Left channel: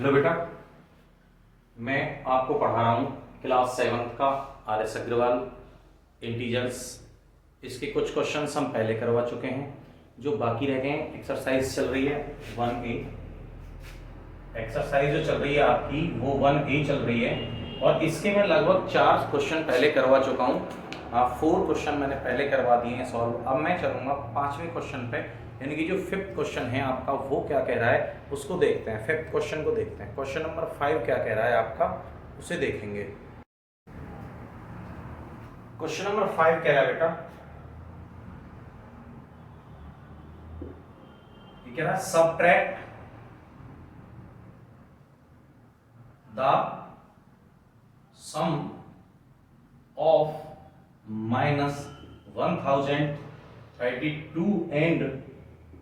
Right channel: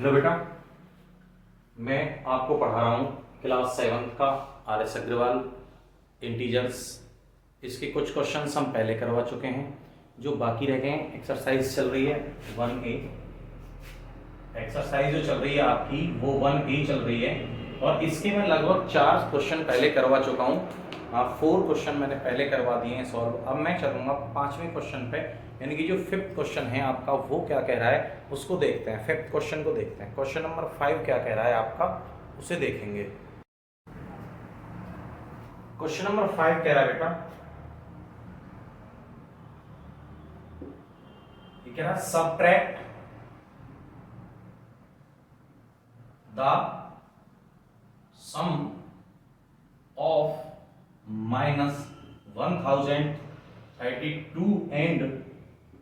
Hello बेटा, मैं आपको पढ़ा रहा हूँ क्लास 7 का RS अग्रवाल इंटीजर्स। इसके कुछ क्वेश्चंस हम पहले करवा चुके हैं, जो बाकी रह गए हैं। एक्सरसाइज चल रही है 1A। एक्सरसाइज जो चल रही है आपकी वो 1A चल रही है, और इसके मैं लगभग 4 क्वेश्चन पहले करवा चुका हूँ। 4 क्वेश्चन मैंने पहले करवा दिए हैं सॉल्व। अब मैं चलूंगा 5वें क्वेश्चन पे, यानी कि जो 5th क्वेश्चन है आपका वो क्या कह रहा है उसको देखते हैं। 5th क्वेश्चन को देखते हैं। क्वेश्चन नंबर 5 क्या कह रहा है आपका, उसे देखेंगे। क्वेश्चन नंबर 5 कह रहा है बेटा, ये कह रहा है subtract the sum of -1032 and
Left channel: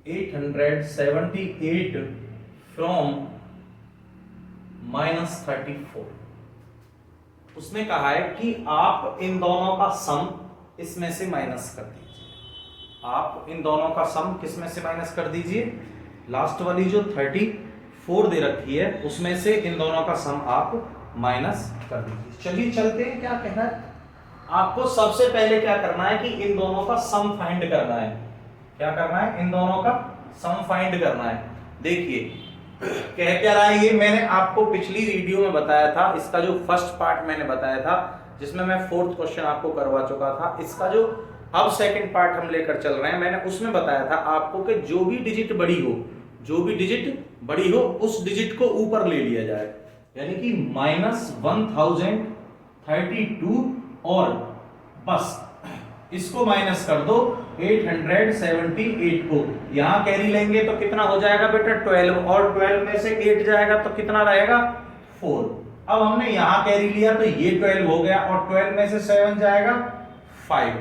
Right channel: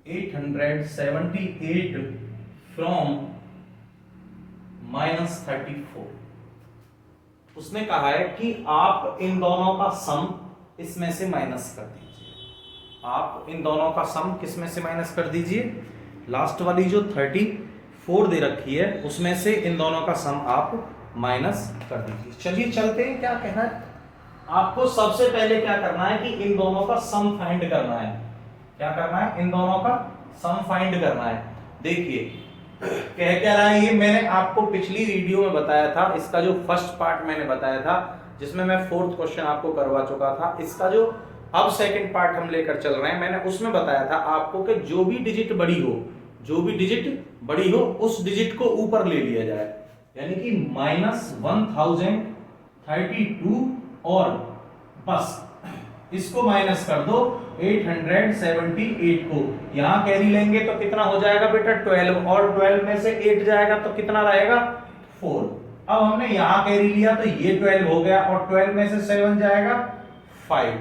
878 from -34। उसने कहा है कि आप इन दोनों का सम इसमें से माइनस कर दीजिए। आप इन दोनों का सम किसमें से माइनस कर दीजिए? लास्ट वाली जो 34 दे रखी है उसमें से इन दोनों का सम आप माइनस कर दीजिए। चलिए चलते हैं। क्या कहना है आपको? सबसे पहले क्या करना है कि इन दोनों का सम फाइंड करना है। क्या करना है? इन दोनों का सम फाइंड करना है। देखिए कह क्या रहा है ये, मैंने आपको पिछली वीडियो में बताया था। इसका जो फर्स्ट पार्ट मैंने बताया था, जिसमें मैं 4th क्वेश्चन आपको करवा चुका था। इसका जो अब सेकंड पार्ट हम लेकर चल रहे हैं, मैंने उसमें बताया था आपको कि जो भी डिजिट बड़ी हो, जो भी डिजिट बड़ी हो उस डिजिट को ऊपर ले लिया जाए। यानी कि -1032 और बस इसको माइनस कर दो 878 को। यहां कैरी लेंगे तो कितना हो जाएगा बेटा? 12, और 12 में से 8 जाएगा तो कितना रहेगा? 4। अब हमने यहां कैरी लिया तो ये 12 हो गया, और 12 में से 7 जाएगा 5।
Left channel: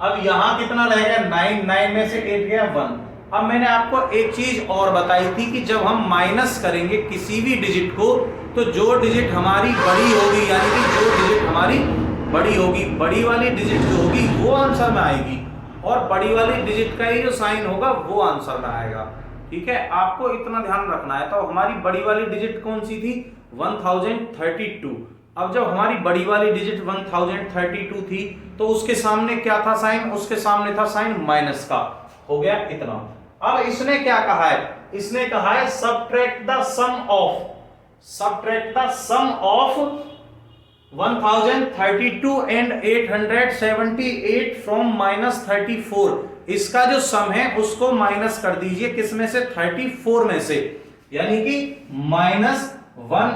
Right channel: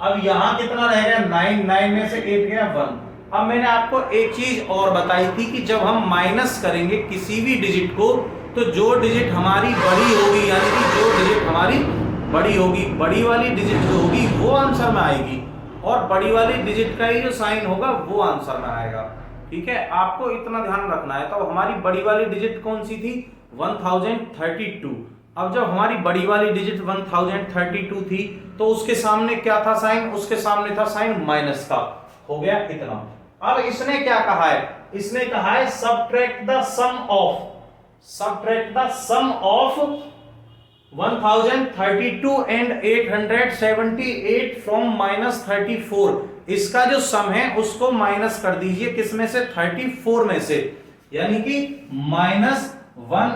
अब यहां कितना रहेगा? 9। 9 में से 8 गया 1। अब मैंने आपको एक चीज और बताई थी कि जब हम माइनस करेंगे किसी भी डिजिट को, तो जो डिजिट हमारी बड़ी होगी, यानी कि जो डिजिट हमारी बड़ी होगी, बड़ी वाली डिजिट जो होगी वो आंसर में आएगी, और बड़ी वाली डिजिट का ही जो साइन होगा वो आंसर में आएगा। ठीक है, आपको इतना ध्यान रखना है। तो हमारी बड़ी वाली डिजिट कौन सी थी? 1032। अब जब हमारी बड़ी वाली डिजिट 1032 थी तो उसके सामने क्या था साइन? उसके सामने था साइन माइनस का। हो गया इतना। अब इसने क्या कहा है? इसने कहा है subtract the sum of 1032 and 878 from -34। इसका जो सम है उसको माइनस कर दीजिए किसमें से? 34 में से। यानी कि -34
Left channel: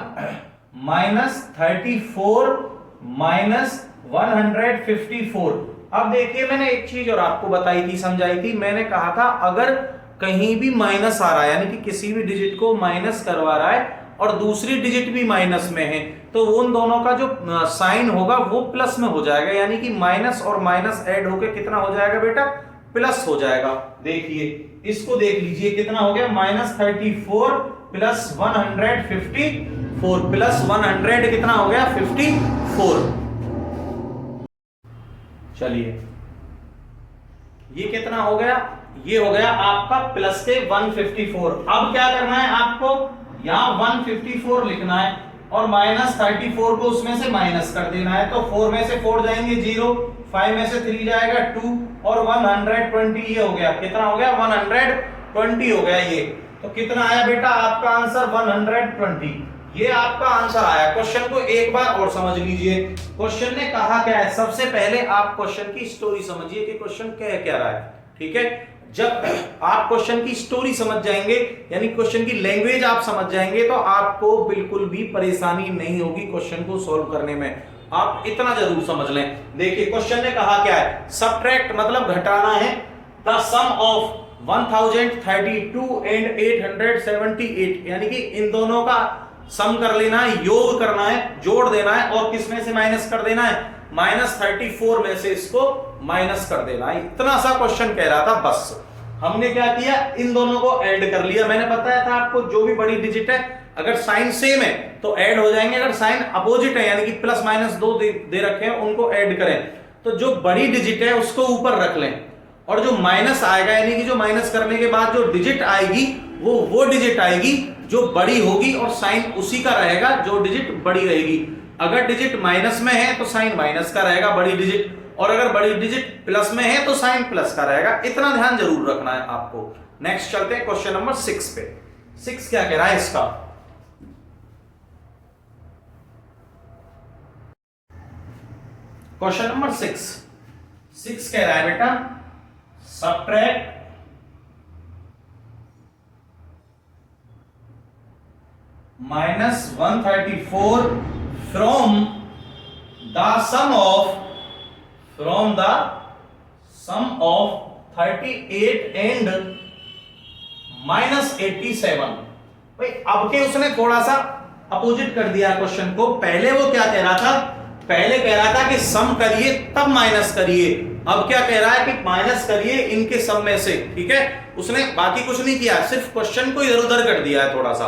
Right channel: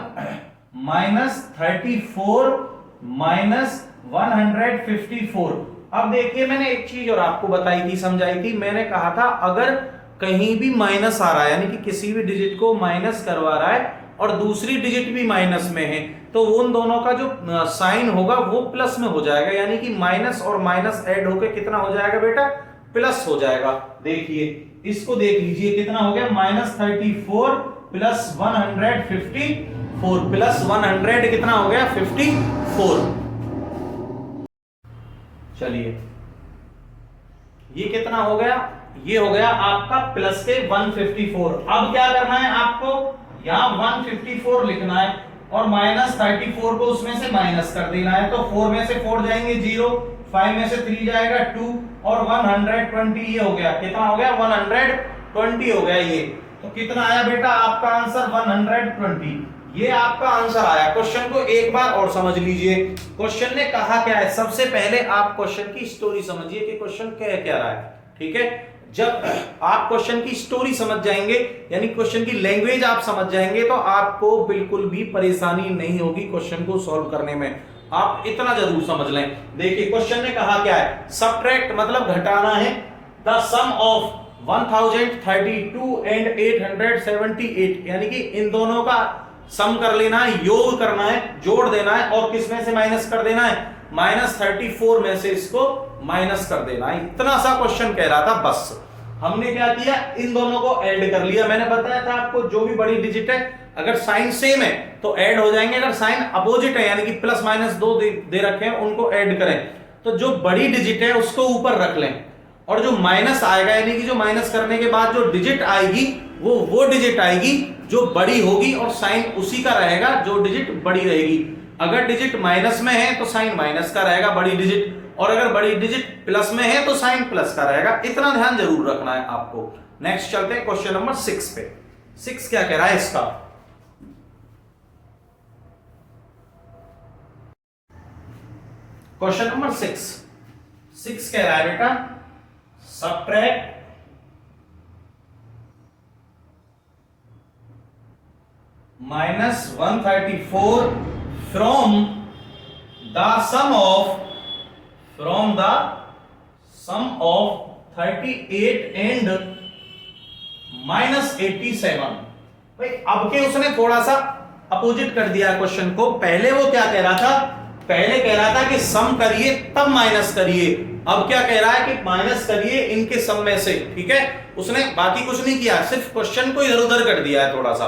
-154। अब देखिए मैंने एक चीज और आपको बताई थी, समझाई थी। मैंने कहा था अगर कहीं भी माइनस आ रहा है, यानी कि किसी भी डिजिट को माइनस करवा रहा है और दूसरी डिजिट भी माइनस में है, तो उन दोनों का जो साइन होगा वो प्लस में हो जाएगा। यानी कि माइनस और माइनस ऐड होकर कितना हो जाएगा बेटा? प्लस हो जाएगा। देखिए इसको देख लीजिए कितना हो गया? -34 प्लस 154 प्लस 100 कितना हो गया? 54। चलिए ये कितना हो गया? ये हो गया आपका प्लस के 154। अब क्या करना है आपको? यहां 154 लिखना है और -34 को उसमें से माइनस कर देना है। तो 4 में से 4 जाएंगे 0, 5 में से 3 जाएगा 2, और 120 ये हो गया। कितना हो गया? 120 हो गया ये। तो कितना आया बेटा आपका आंसर? 120। ये आपका आंसर आया। क्वेश्चन को एक बार और समझ लीजिए। क्वेश्चन ने कहा क्या है? सबसे पहले आप क्वेश्चन की स्टोरी समझिए कि क्वेश्चन कह क्या रहा है। ठीक है, जब आप क्वेश्चन की स्टोरी समझ जाएंगे, यानी क्वेश्चन की लैंग्वेज आप समझ जाएंगे, तो आपको बिल्कुल भी परेशानी नहीं होगी क्वेश्चन को सॉल्व करने में। आप इतना जरूर समझ लें। देखिए क्वेश्चन ने कहा क्या है? सबट्रैक्ट मतलब घटाना है द सम ऑफ 1032 एंड 878, यानी कि इन दोनों का सम कर लेना है, योग करना है, जोड़ देना है, और किसमें से माइनस कर देना है? -34 में से इसको माइनस कर देना है। इतना सा क्वेश्चन कह रहा था। बस हमने क्या किया? इन दोनों को ऐड कर लिया। मैंने बताया था आपको जो भी बड़ी डिजिट है अगर साइन सेम है तो ऐड हो जाएंगे, अगर साइन अपोजिट है यानी कि प्लस माइनस 2 दे रखे हैं उनको ऐड करें। तो जो बड़ी डिजिट है उसको ऊपर रख लें और जो माइनस आएगा यानी कि जो माइनस करने के बाद जो डिजिट आएगी वो डिजिट आएगी जो बड़ी होगी और साइन उसी का रहेगा जो डिजिट बड़ी रहेगी। अगर डिजिट माइनस में है तो साइन माइनस का रहेगा बड़ी डिजिट, और अगर बड़ी डिजिट प्लस में है तो साइन प्लस का रहेगा। इतना ध्यान जरूर रखना है आपको। नेक्स्ट चलते हैं क्वेश्चन नंबर 6 पे। 6 क्या कह रहा है इसका? क्वेश्चन नंबर 6 कह रहा है बेटा subtract -134 from the sum of 38 and -87। भाई अब के उसने थोड़ा सा अपोजिट कर दिया क्वेश्चन को। पहले वो क्या कह रहा था? पहले कह रहा था कि सम करिए तब माइनस करिए। अब क्या कह रहा है कि माइनस करिए इनके सम में से। ठीक है, उसने बाकी कुछ नहीं किया, सिर्फ क्वेश्चन को इधर उधर कर दिया है थोड़ा सा।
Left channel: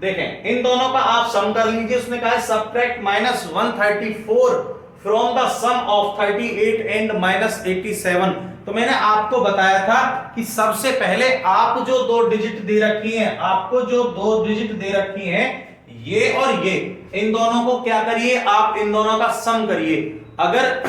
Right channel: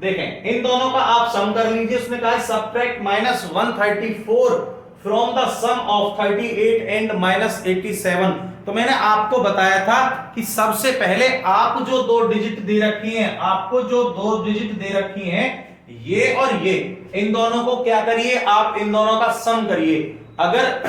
देखें इन दोनों का आप सम कर लीजिए। उसने कहा है subtract -134 from the sum of 38 and -87। तो मैंने आपको बताया था कि सबसे पहले आप जो दो डिजिट दे रखी हैं, आपको जो दो डिजिट दे रखी हैं ये और ये, इन दोनों को क्या करिए आप इन दोनों का सम करिए। अगर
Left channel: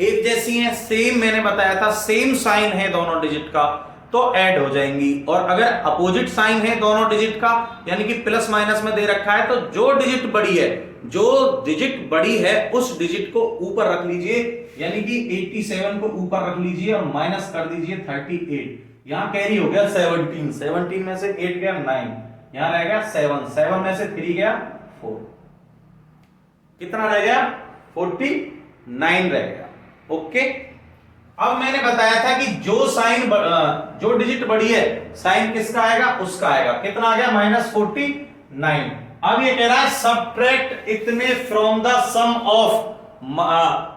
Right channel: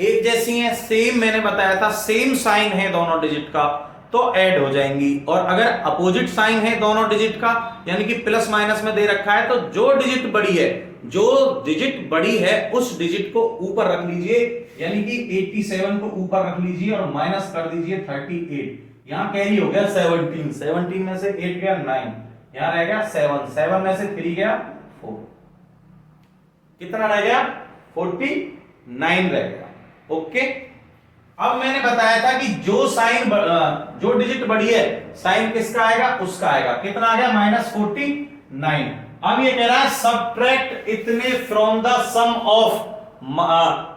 एक जैसी है, सेम मैंने बताया था सेम साइन है दोनों डिजिट का तो ऐड हो जाएंगी, और अगर अपोजिट साइन है दोनों डिजिट का यानी कि प्लस माइनस में दे रखा है तो जो डिजिट बड़ी है, जो डिजिट बड़ी है उस डिजिट को ऊपर रख लीजिए, यानी कि 87 को ऊपर रख लीजिए और माइनस कर दीजिए 38। यहां कैरी हो गया 17, 17 में से 8 गया 9, यहां रह गया 7, 7 में से 3 गया 4, कितना रह गया 49 रह गया। ओके, अब मैंने बताया था कि जो साइन जो डिजिट बड़ी है साइन किसका आएगा? उसका आएगा। कितना आ गया? -49। अब ये कह रहा है सबट्रैक्ट इतने from the sum of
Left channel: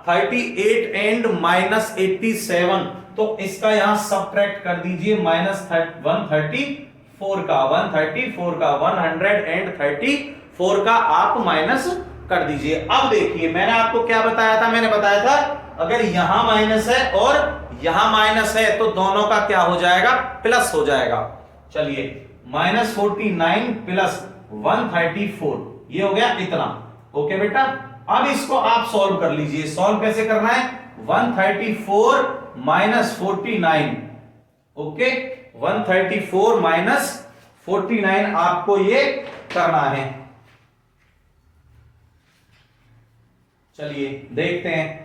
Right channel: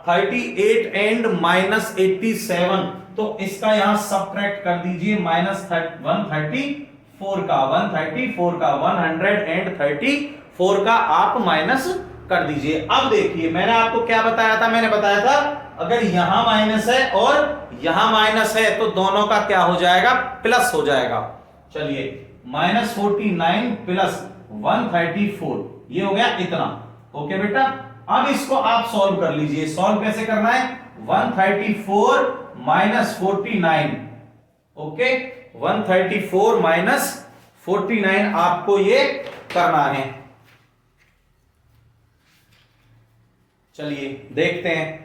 38 and -87। तो इसका यहां सबट्रैक्ट कर दीजिए -134 का 134 का आप माइनस कर दीजिए। अब देखिए मैंने आपको क्या बताया था? मैंने बताया था अगर यहां माइनस है और यहां माइनस है तो दोनों का क्या हो जाएगा? प्लस हो जाएगा। चलिए -49 प्लस 134 ये हो गया इतना। ओके बेटा, अब इसको आप सॉल्व कर लीजिए। सॉल्व कैसे करना है? 134 - 49। ओके, 134 - 49 आपको ये करना है। चलिए देखते हैं।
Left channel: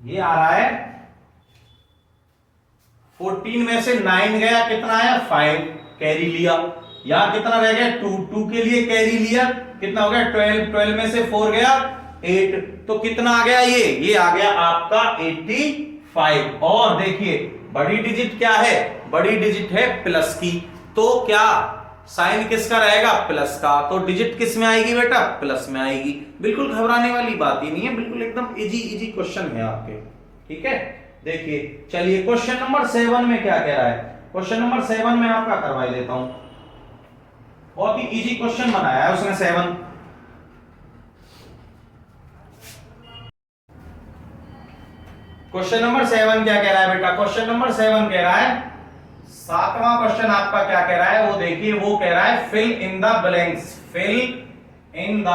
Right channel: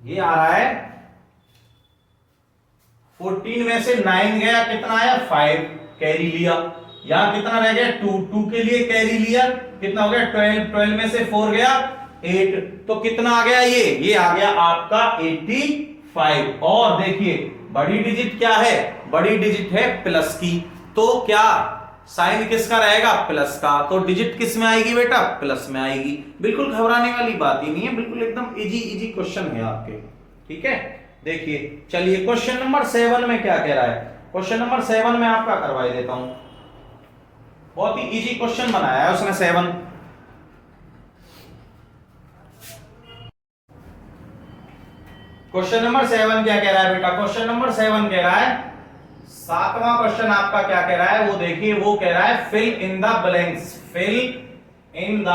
ये आ रहा है 14 में से 9 गया, कितना आया 5, कैरी लिया। यहां कितना रह गया 2, 2 के लिए कैरी लिया, कितना हो गया 12, 12 में से 4 गया 8, तो कितना आ गया? ये आ गया आपका 85। और देखिए बड़ी डिजिट क्या है? बड़ी डिजिट है प्लस की, तो क्या साइन किसका रहेगा? प्लस का। तो डिजिट किस में आएगी बेटा? प्लस में आएगी। बिल्कुल घबराने वाली बात ही नहीं है, बिल्कुल एकदम इजी क्वेश्चन है आपके। ठीक है, देखिए चलिए क्वेश्चन नंबर 7 में क्या कह रहा है? क्वेश्चन नंबर 7 में आपका करवाई देता हूं। बहुत ही इजी क्वेश्चन बनाया है उसने 7। क्वेश्चन नंबर 7 क्या कह रहा है बेटा? क्वेश्चन नंबर 7 कह रहा है, 7वां क्वेश्चन आपका क्या कह रहा है वो देखिए। वो कह रहा है fill in the blanks, fill in the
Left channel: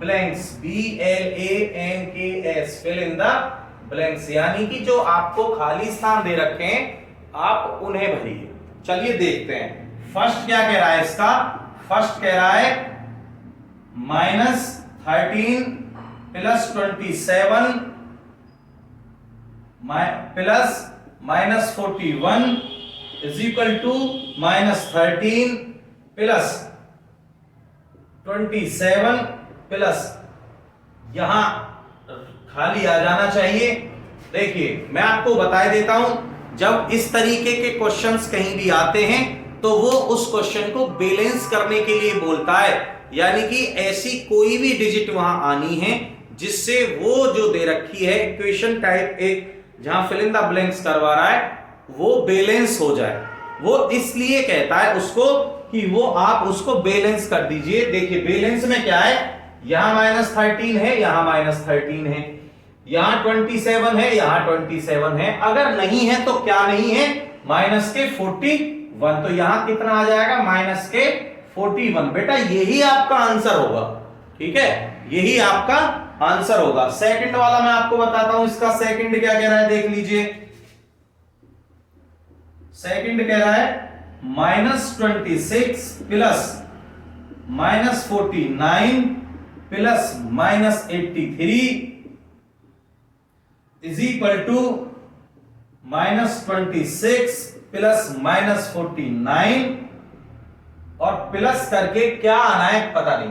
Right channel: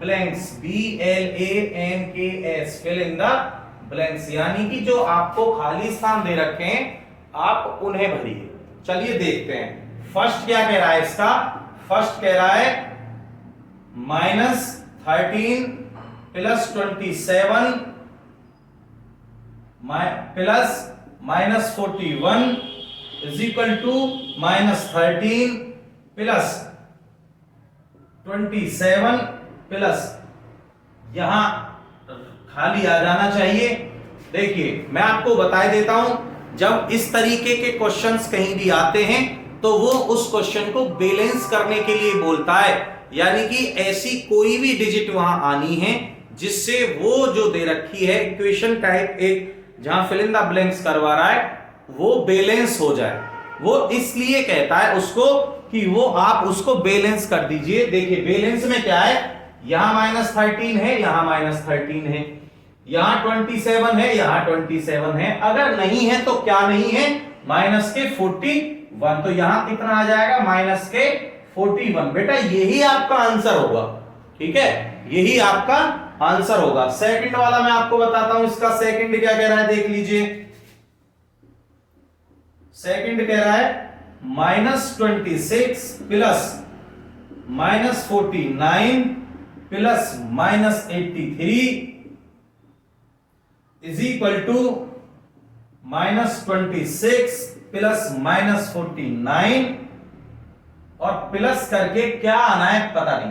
blanks, BLANKS, fill in the blanks, यानी कि जो आपको खाली स्थान दे रखे हैं आप उन्हें भरिए। चलिए देखते हैं। फर्स्ट क्या कह रहा है इसका? फर्स्ट कह रहा है -13 plus 27 plus -41 is equal to -13 plus 27 plus, यहां खाली आ जाना चाहिए। देखिए मैं आपको बता देता हूं, जब इस तरीके के क्वेश्चंस कहीं भी आते हैं तो वो उस क्वेश्चन को बैलेंस करने के लिए बोलता है, यानी कि ऐसी कोई भी डिजिट वहां आनी है जिससे वो जो दे रखी है इक्वेशन टाइप एक जहां फिल इन द ब्लैंक्स करवा रहा है वो बैलेंस हो जाए। वो इसलिए कहता है उसको कि वो आप उसको बैलेंस कर दीजिए। देखिए बैलेंस में क्या है? यहां -13 है, यहां -13 है, यहां 27 है, यहां 27 है। अगर नहीं है तो क्या नहीं है, -41। तो यहां कितना आ जाएगा, -41। बेटा यही आपका आंसर होगा, ठीक है, यही आपका आंसर होगा। सेकंड वाला मैं आपको बताता हूं, इसका सेकंड क्या कह रहा है, देख लीजिए। सेकंड कह रहा है -26 plus -49 plus -83 is equal to -26 plus -49 और प्लस करके क्या आना है पता नहीं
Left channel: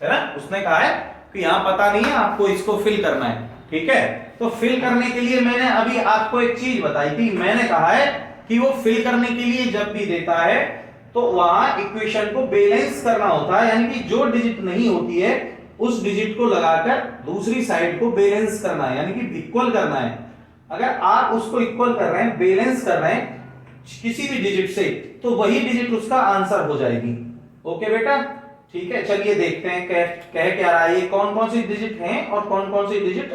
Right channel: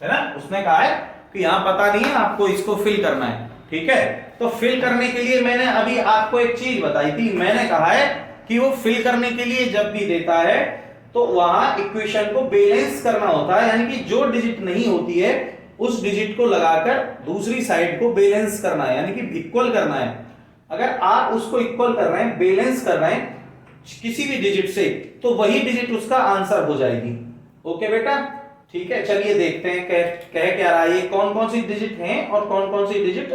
है ना। उसने कहा है कि यहां पता नहीं है, आपको इसको फिल करना है, ठीक है। तो फिल करने के लिए मैंने अभी आपको एक चीज बताई थी, मैंने कहा है कि वो फिल करने के लिए जब भी देता है तो वहां इक्वेशन को बैलेंस करना होता है, यानी कि जो डिजिट नहीं होती है उस डिजिट को लगाकर दूसरी साइड को बैलेंस करना है, यानी कि इक्वल करना है। अगर आप उसको इक्वल कर रहे हैं, बैलेंस कर रहे हैं किसी भी डिजिट से, तो वही डिजिट उसका आंसर हो जाएगी। ओके बेटा, ठीक है। चलिए देखते हैं कह क्या रहा है, ये कौन कौन सी डिजिट हैं और कौन कौन सी डिजिट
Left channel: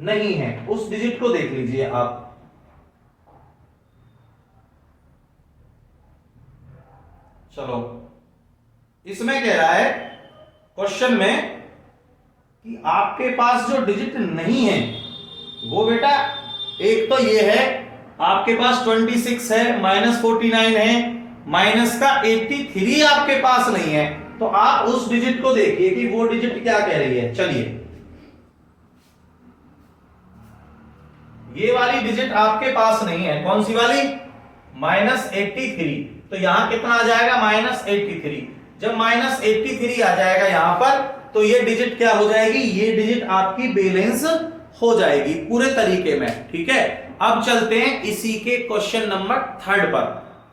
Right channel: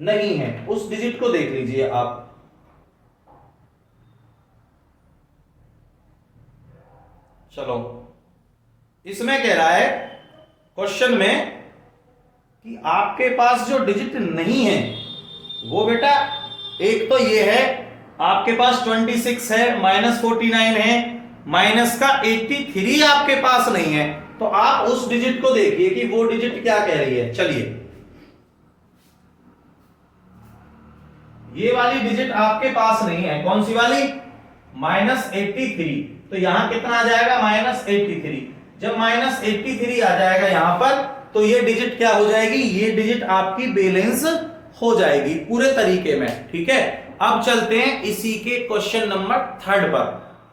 नहीं है, उस डिजिट को देख लीजिए आप। चलो, इसमें कह रहा है क्वेश्चन में कि आपके पास जो डिजिट नहीं है वो बेटा, एक तो ये है आपके पास 26 है, -49 है, माइनस का 83 आपके पास नहीं है। तो आप उस डिजिट को देखिए कि वो डिजिट क्या कह रही है। चलिए, ये वाली डिजिट आपके पास नहीं है, कौन सी वाली, -83। तो यहां कितना आ जाएगा, -83। जब -83 आ जाएगा यहां पर, तो ये डिजिट क्या हो जाएगी, ये डिजिट आपकी बैलेंस हो जाएगी पूरे तरीके में, ठीक है। अब चलते हैं इसी के क्वेश्चन नंबर 3 पर।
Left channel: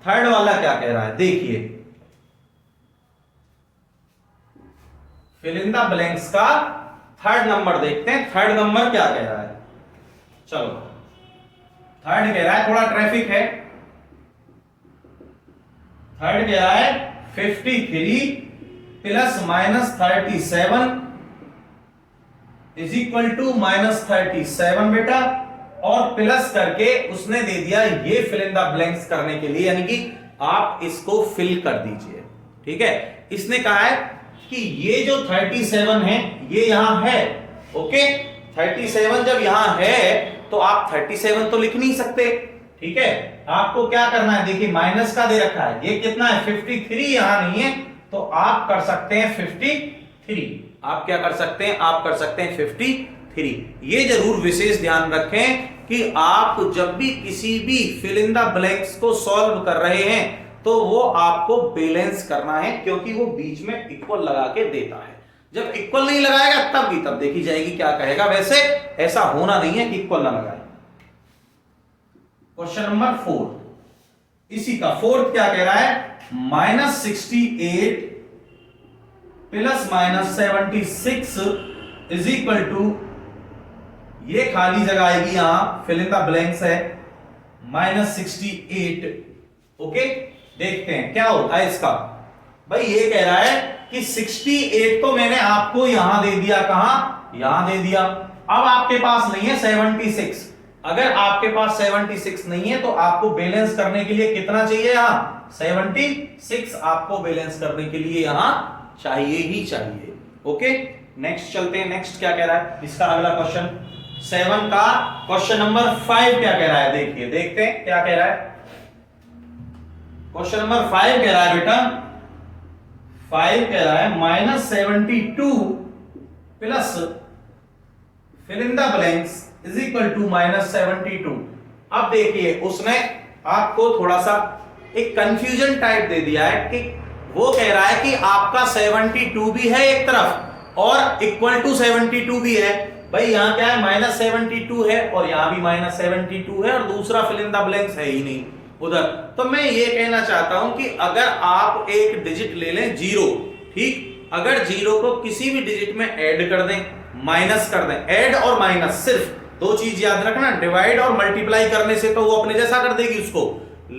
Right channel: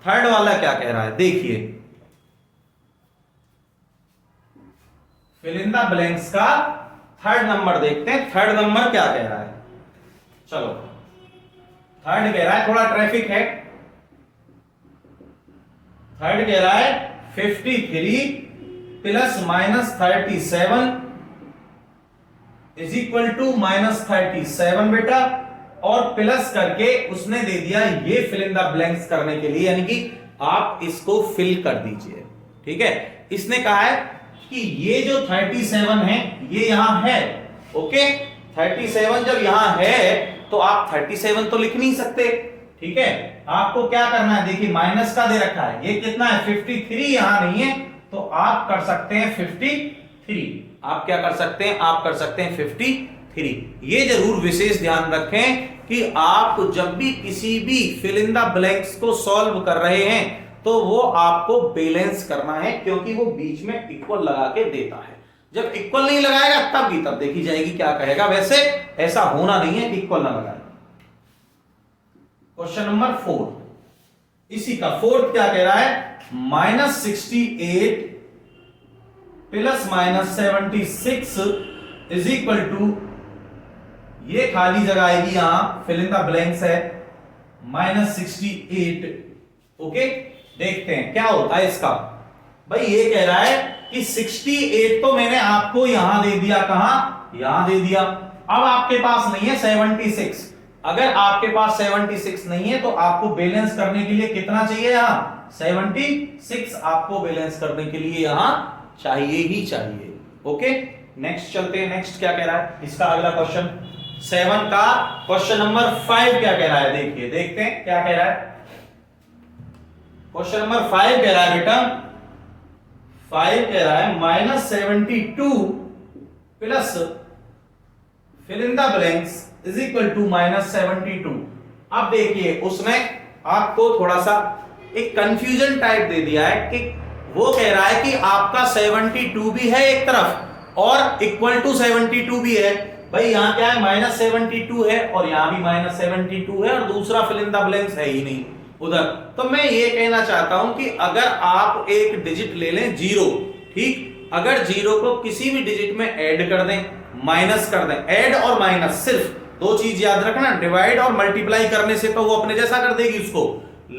थर्ड वाला क्या कह रहा है, देखिए। फिल इन द ब्लैंक्स का थर्ड नंबर देखते हैं, थर्ड नंबर क्या कह रहा है। चलो, थर्ड कह रहा है, थोड़ा ट्रैफिक है। थर्ड कह रहा है 53 प्लस -37 इज इक्वल टू -37 बेटा, और प्लस करके उसने दे दिया ये फिल इन द ब्लैंक्स करने के लिए, यानी कि आप इसको फिल कर दीजिए, ठीक है। इसने कहा है कि ये जो 37 है ये यहां है, ओके। 37 जब यहां है तो आप 37 तो लिख नहीं सकते, ठीक है। आपको क्या करना है, देखिए माइनस का दे रखा है, ये कितना है 53, यहां नहीं है, तो आप कर सकते हैं 53। आप क्या कर सकते हैं, आप कर सकते हैं 53। ये जरूर विशेष ध्यान रखें कि आप जब भी किसी भी फिल इन द ब्लैंक्स को सॉल्व कर रहे हैं तो वो आपको बैलेंस करना है, क्योंकि वो बीच में इक्वल लगा के देता है। जब इक्वल नहीं लगाएगा तब की तब देखी जाएगी क्या कहेगा। वैसे ऐसा होना नहीं है कि इक्वल ना लगाए। क्वेश्चन नंबर 4, इसी का फोर्थ क्या कह रहा है, -68 प्लस -76 इज इक्वल टू, ये खाली जगह आएगी यहां, फिल इन द ब्लैंक्स है, -68। ओके, देखते हैं क्या होता है इसका। भाई ये कह रहा है कि 68 तो मैंने आपको यहां दे दिया, कहां, यहां दे दिया। अब आपके पास नहीं है 76। अगर आपके पास 76 नहीं है तो आपको बैलेंस करने के लिए कितना चाहिए, यहां 76 आपको बैलेंस करने के लिए यहां चाहिए ही चाहिए। ओके, नेक्स्ट चलते हैं। नेक्स्ट क्या कह रहा है इसका अगला क्वेश्चन, 7 का क्वेश्चन नंबर 5 क्या कह रहा है, देखिए, देखते हैं क्या कह रहा है। क्वेश्चन नंबर 5 कह रहा है बेटा, 5 कह रहा है -72 plus fill in the blanks is equal to -72। अब देखिए उसने आपको थोड़ा सा एक कंफ्यूजन टाइप दे दिया है कि वो कह रहा है कि आपका 72 भी है एक तरफ और इक्वल टू 72 भी है। भाई यहां क्या है, -72 है और यहां भी -72 है और दूसरा फिल इन द ब्लैंक्स है ही नहीं उधर। तो मैं ये कहना चाहता हूं कि अगर आप एक डिजिट ले लें 0, ठीक, अगर 0 को किसी भी डिजिट में ऐड कर दें, माइनस कर दें, ऐड और माइनस, सिर्फ दो चीज याद रखना, डिवाइड और मल्टीप्लाई करने से तो वो अपने जैसा कर देगी उसको।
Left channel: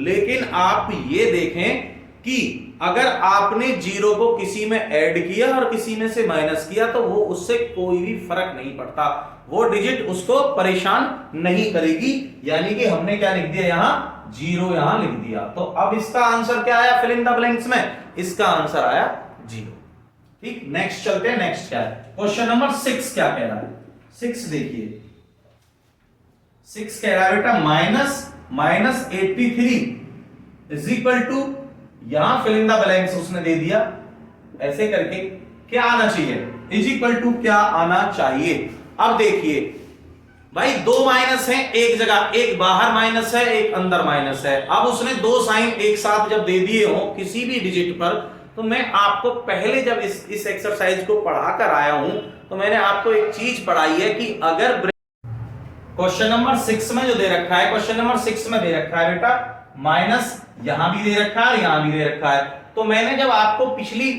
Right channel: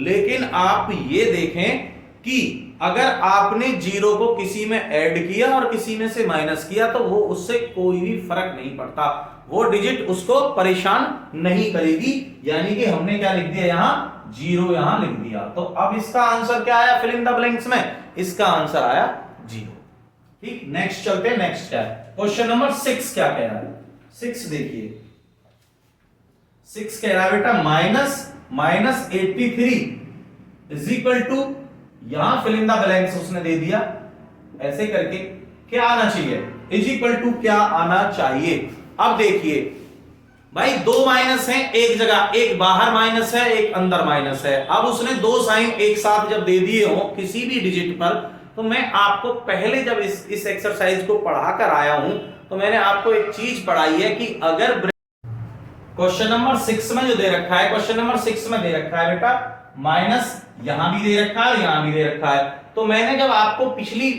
लेकिन आप ये देखें कि अगर आपने जीरो को किसी में ऐड किया और किसी में से माइनस किया तो वो उससे कोई भी फर्क नहीं पड़ता, वो डिजिट उसको परेशान नहीं करेगी। यानी कि हमने क्या लिख दिया यहां, जीरो यहां लिख दिया। तो अब इसका आंसर क्या आया फिल इन द ब्लैंक्स में, इसका आंसर आया जीरो। ठीक, नेक्स्ट चलते हैं। नेक्स्ट क्या है, क्वेश्चन नंबर 6 क्या कह रहा है। 6 देखिए, 6 कह रहा है बेटा माइनस 83 इज इक्वल टू, यहां फिल इन द ब्लैंक्स उसने दे दिया ऐसे करके, क्या आना चाहिए, इज इक्वल टू क्या आना चाहिए। अब देखिए भाई दो माइनस हैं एक जगह, एक बाहर माइनस है एक अंदर माइनस है। अब उसने दो साइन एक साथ जब दे दिए हो किसी भी डिजिट पर, तो मैं आपको पहले जब इस एक्सरसाइज को पढ़ाकर आया हूं तो मैंने आपको एक चीज पढ़ाई है कि अगर क्वेश्चन नंबर 6 में जो दे रखा है, क्वेश्चन नंबर 6 में दे रखा है बेटा माइनस, यहां भी दे रखा है यहां भी दे रखा है। तो मैंने जब आपको पिछली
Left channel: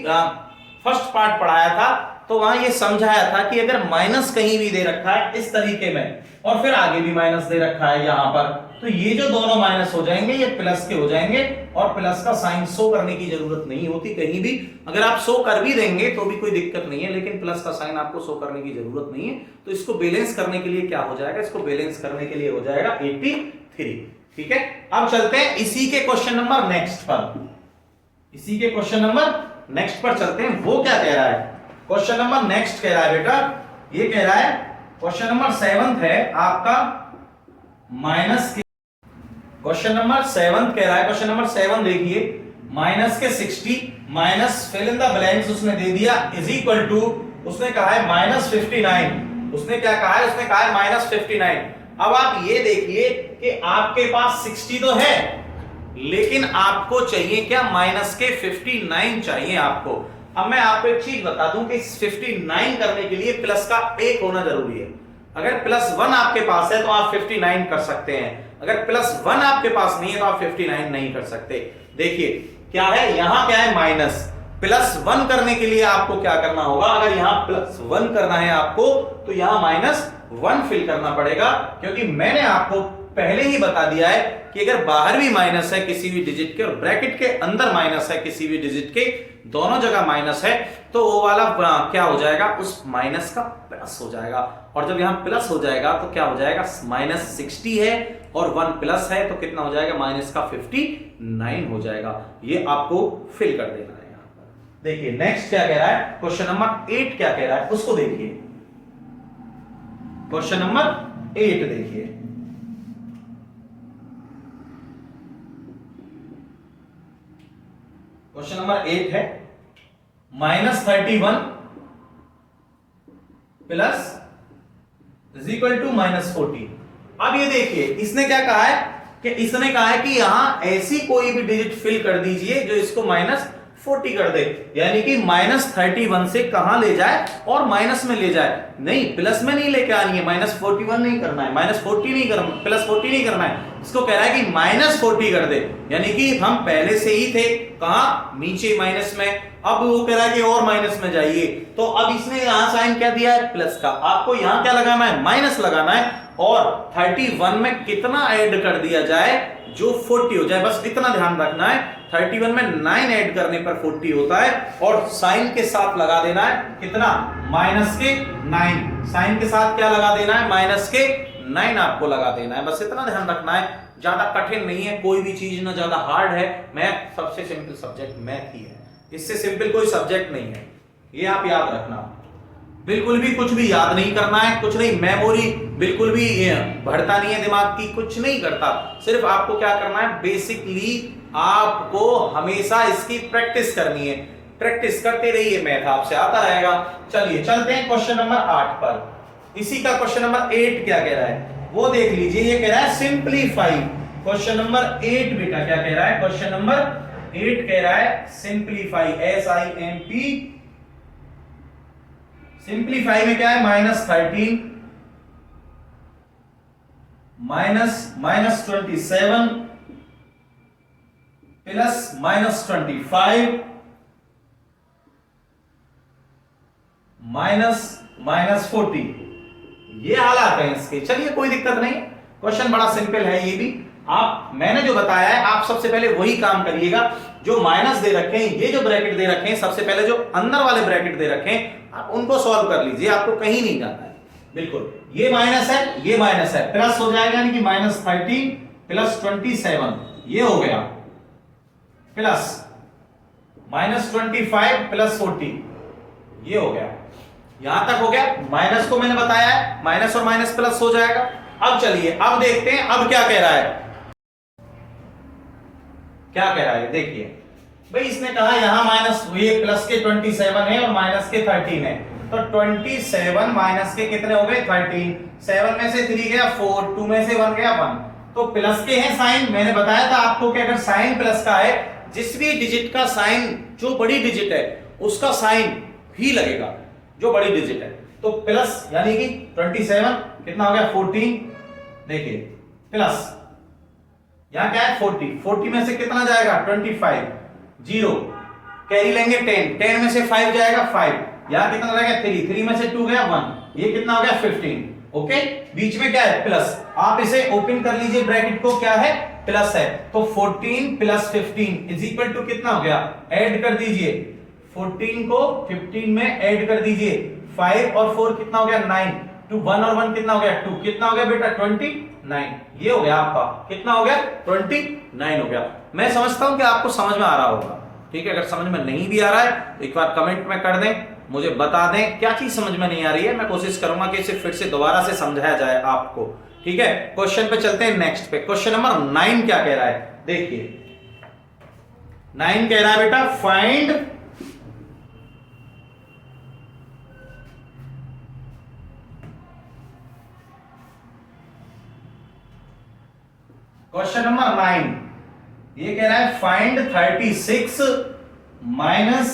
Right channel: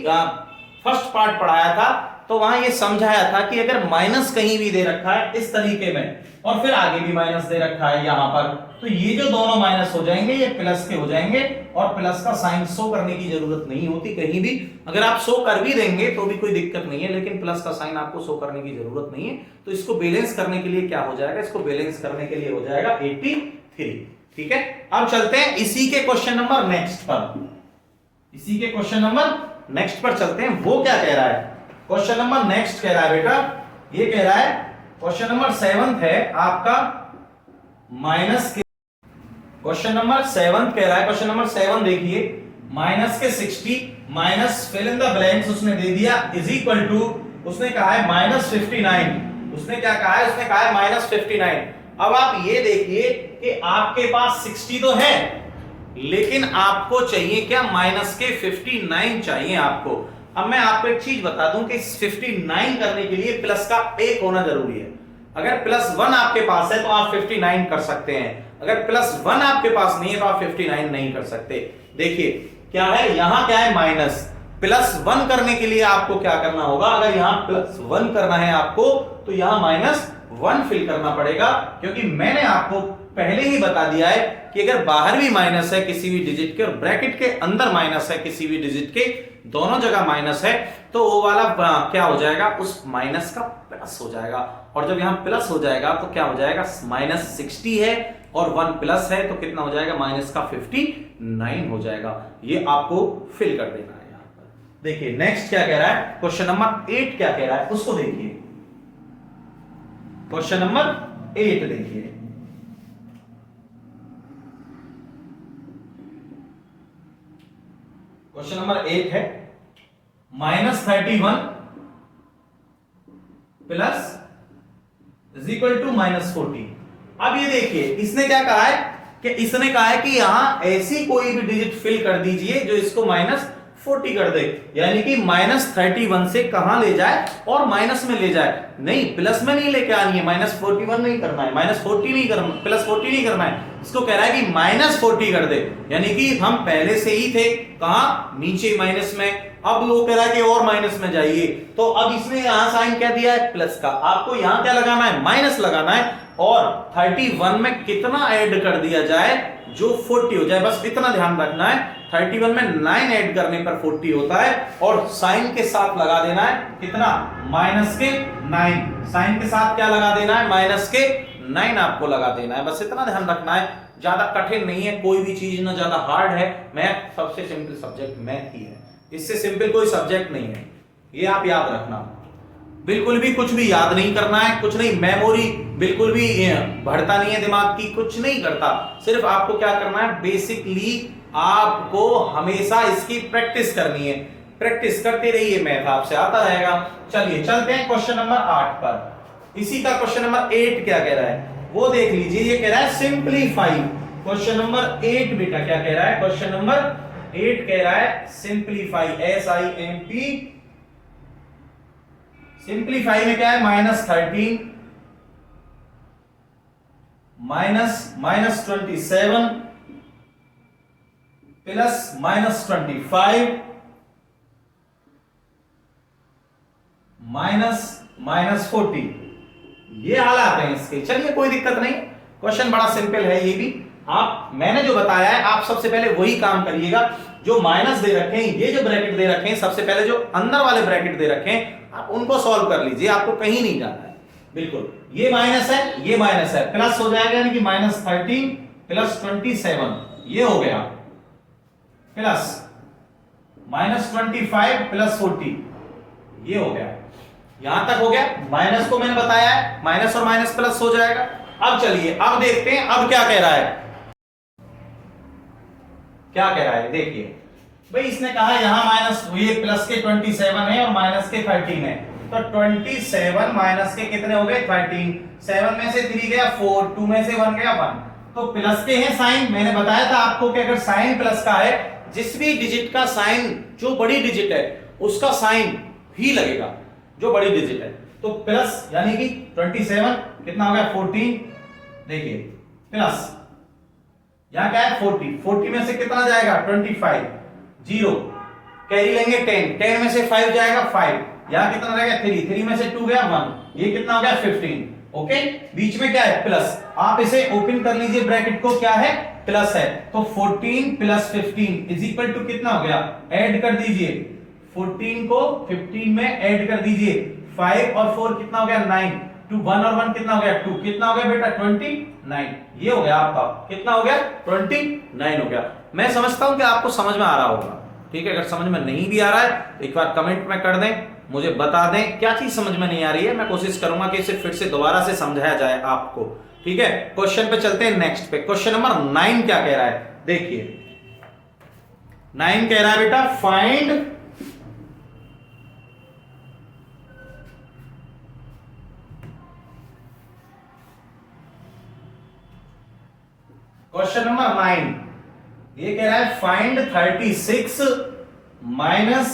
फर्स्ट पार्ट पढ़ाया था तो वहां ये समझाया था कि अगर माइनस कहीं भी दे रखा है इस तरीके में और फिर आगे भी माइनस दे रखा है यहां पर, तो ये जो दोनों माइनस हो जाएंगे ये प्लस के हो जाएंगे और प्लस का साइन शो करने की जरूरत नहीं होती कहीं भी। अगर आप शो कर भी देंगे तो भी कोई दिक्कत नहीं है, लेकिन प्लस का साइन आपको शो करने की जरूरत नहीं है। तो इसको बैलेंस करने के लिए क्या हो जाएगा, इसको बैलेंस करने के लिए हो जाएगा 83। ठीक है, अब चलते हैं इसी के क्वेश्चन नंबर नेक्स्ट पर, इसी के क्वेश्चन नंबर नेक्स्ट पर चलते हैं। वो क्या कह रहा है, क्वेश्चन नंबर नेक्स्ट कह रहा है बेटा, ये कह रहा है क्वेश्चन नंबर 7 है आपका माइनस के, क्वेश्चन नंबर 7 कह रहा है, क्वेश्चन नंबर 7 देखिए माइनस के 60 minus fill in the blanks उसने दे दिया इज इक्वल टू, उसने कहा है माइनस 59। उसने क्या कहा है, उसने कहा है माइनस 59। अब आप ये देखिए कि आपके पास 60 तो है लेकिन आपको चाहिए क्या, माइनस के 59 चाहिए आपको। अब मैं आपको एक चीज बता दूं कि 59 करने के लिए प्लस का 1 होना जरूरी है। अगर +1 आपके पास है तो आप 59 कर सकते हैं, अगर +1 आपके पास नहीं है तो आप 59 नहीं कर सकते। देखिए क्या है, यहां क्या है माइनस, +1 करने के लिए आपको क्या करना होगा, अगर यहां +1 करना है आपको तो यहां -1 फिल करना पड़ेगा, क्योंकि मैंने आपको पहले ही बता दिया है कि अगर बाहर भी माइनस है किसी भी डिजिट के और ब्रैकेट के अंदर माइनस है किसी भी डिजिट के, दोनों जगह माइनस है, तो वो वाला क्या हो जाएगा, उस माइनस का प्लस हो जाएगा। और जब यहां प्लस हो जाएगा तो क्या हो जाएगा, -60 है और 1 प्लस है तो कितना हो जाएगा, माइनस का 59 हो जाएगा। ये आपको फिल कर देना है यहां पर। देखिए नेक्स्ट क्या कह रहा है, क्वेश्चन नंबर 8 क्या कह रहा है उसको देखिए। क्वेश्चन नंबर 8 देखिए, क्वेश्चन नंबर 8 है -31 प्लस इज इक्वल टू -40। अब ये देखिए इसने क्या कहा है कि इसने कहा है कि यहां ऐसी कोई भी डिजिट फिल कर दीजिए जो इसको -40 कर दे, यानी कि -31 से कहां ले जाए और माइनस में ले जाए, नहीं प्लस में नहीं लेके आनी है, -41 नहीं करना है, -40 नहीं करना, +40 नहीं करना है। इसको कह रहा है कि -40 कर दे, यानी कि हम पहले से ही थे कहां, नीचे माइनस में, अब वो कह रहा है कि और माइनस में जाइए। तो अब इसने यहां साइन क्या दिया है, प्लस का, आपको यहां क्या लगाना है, माइनस लगाना है और 31 में कितना ऐड कर दिया जाए जो 40 हो जाए, बस इतना ध्यान रखना है। 31 में 9 ऐड करने पर 40 होता है और साइन के साथ लगा देना है कितना, -9। साइन के साथ क्या लगा देना है, -9 आपको लगा देना है, बस इतना ध्यान रखना है। ज्यादा कठिन नहीं है कोई भी चीज, ना ज्यादा हार्ड है। मैथ सबसे सिंपल सब्जेक्ट मैथ ही है, इससे सिंपल कोई सब्जेक्ट नहीं है, ये आप याद रखना। बिल्कुल भी कुछ भी याद नहीं करना है, कुछ नहीं, मेमोरी बिल्कुल भी बढ़ता नहीं है दिमाग की, कुछ नहीं करता। सिर्फ आपको क्या करना है, बेसिकली आपको हमेशा इसकी प्रैक्टिस करनी है, प्रैक्टिस करते रहिए, मैथ आपसे आता रहेगा। चलिए चलते हैं क्वेश्चन नंबर 8 पर। इसी का क्वेश्चन नंबर 8 क्या कह रहा है वो देख लीजिए। ये कह रहा है सिंप्लीफाई। क्वेश्चन नंबर 8 बेटा क्या कह रहा है, क्वेश्चन नंबर 8 कह रहा है सिंप्लीफाई, SIMP। सिंप्लीफाई में क्या है, -13 -27 प्लस -25 -40, ये हालात हैं इसके। चलिए कोई दिक्कत नहीं, क्वेश्चन बड़ा सिंपल है ये भी। आप मैंने जो बताया है आप सबसे पहले वही काम करिएगा। जो माइनस दे रखे हैं, ये जो ब्रैकेट दे रखे हैं, सबसे पहले जो अंदर वाले ब्रैकेट दे रखे हैं आप उनको सॉल्व कर लीजिए, आपको कहीं नहीं जाना है। बिल्कुल, ये माइनस है, ये माइनस है, प्लस हो जाएगा यानी कि -13 प्लस 27 ये हो गया, प्लस -25 प्लस 40 ये हो गया। यहां तक हो गया। माइनस को मैंने बताया है, माइनस और माइनस प्लस हो जाएगा। अब चलिए अब देखते हैं अब क्या कह रहा है। क्या कह रहा है देखिए भाई, इसने कहा यहां माइनस ये प्लस के 27 है और माइनस के 13 है, तो 27 माइनस के कितने हो गए 13, 7 में से 3 गया 4, 2 में से 1 गया 1, तो प्लस के हैं साइन। मैंने बताया था आपको कि अगर साइन प्लस का है, जिस भी डिजिट का साइन जो बड़ी डिजिट है उसका साइन ही लगेगा जो बड़ी डिजिट है। तो प्लस यानी कि 27 कितना हो गया 14, देखिए प्लस यहां क्या है 40 में से कितना जाएगा 25, 0 कैरी लेंगे 10 में से 5 जाएगा 5, यहां कितना रहेगा 3 में से 2 गया 1, ये कितना हो गया 15। ओके, बीच में क्या है प्लस, आप इसे ओपन कर लीजिए ब्रैकेट को, क्या है प्लस है, तो 14 प्लस 15 इज इक्वल टू कितना हो गया, ऐड कर दीजिए 14 को 15 में ऐड कर दीजिए, 5 और 4 कितना हो गया 9, 2 1 और 1 कितना हो गया 2, कितना हो गया बेटा 29, ये हो गया आपका, कितना हो गया 29 हो गया। मैं समझता हूं कि आपको समझ में आ रहा होगा, ठीक है। अगर समझ में नहीं भी आ रहा है तो एक बार कमेंट में कर दें, मुझे बता दें क्या चीज समझ में नहीं आ रही है, मैं कोशिश करूंगा कि इसे फिर से दोबारा से समझाया जाए आपको, ठीक है। क्वेश्चन पे चलते हैं नेक्स्ट पे। क्वेश्चन नंबर 9 क्या कह रहा है देखिए, 9 कह रहा है बेटा फाइंड क्वेश्चन नंबर 9 ये कह रहा है find 36 minus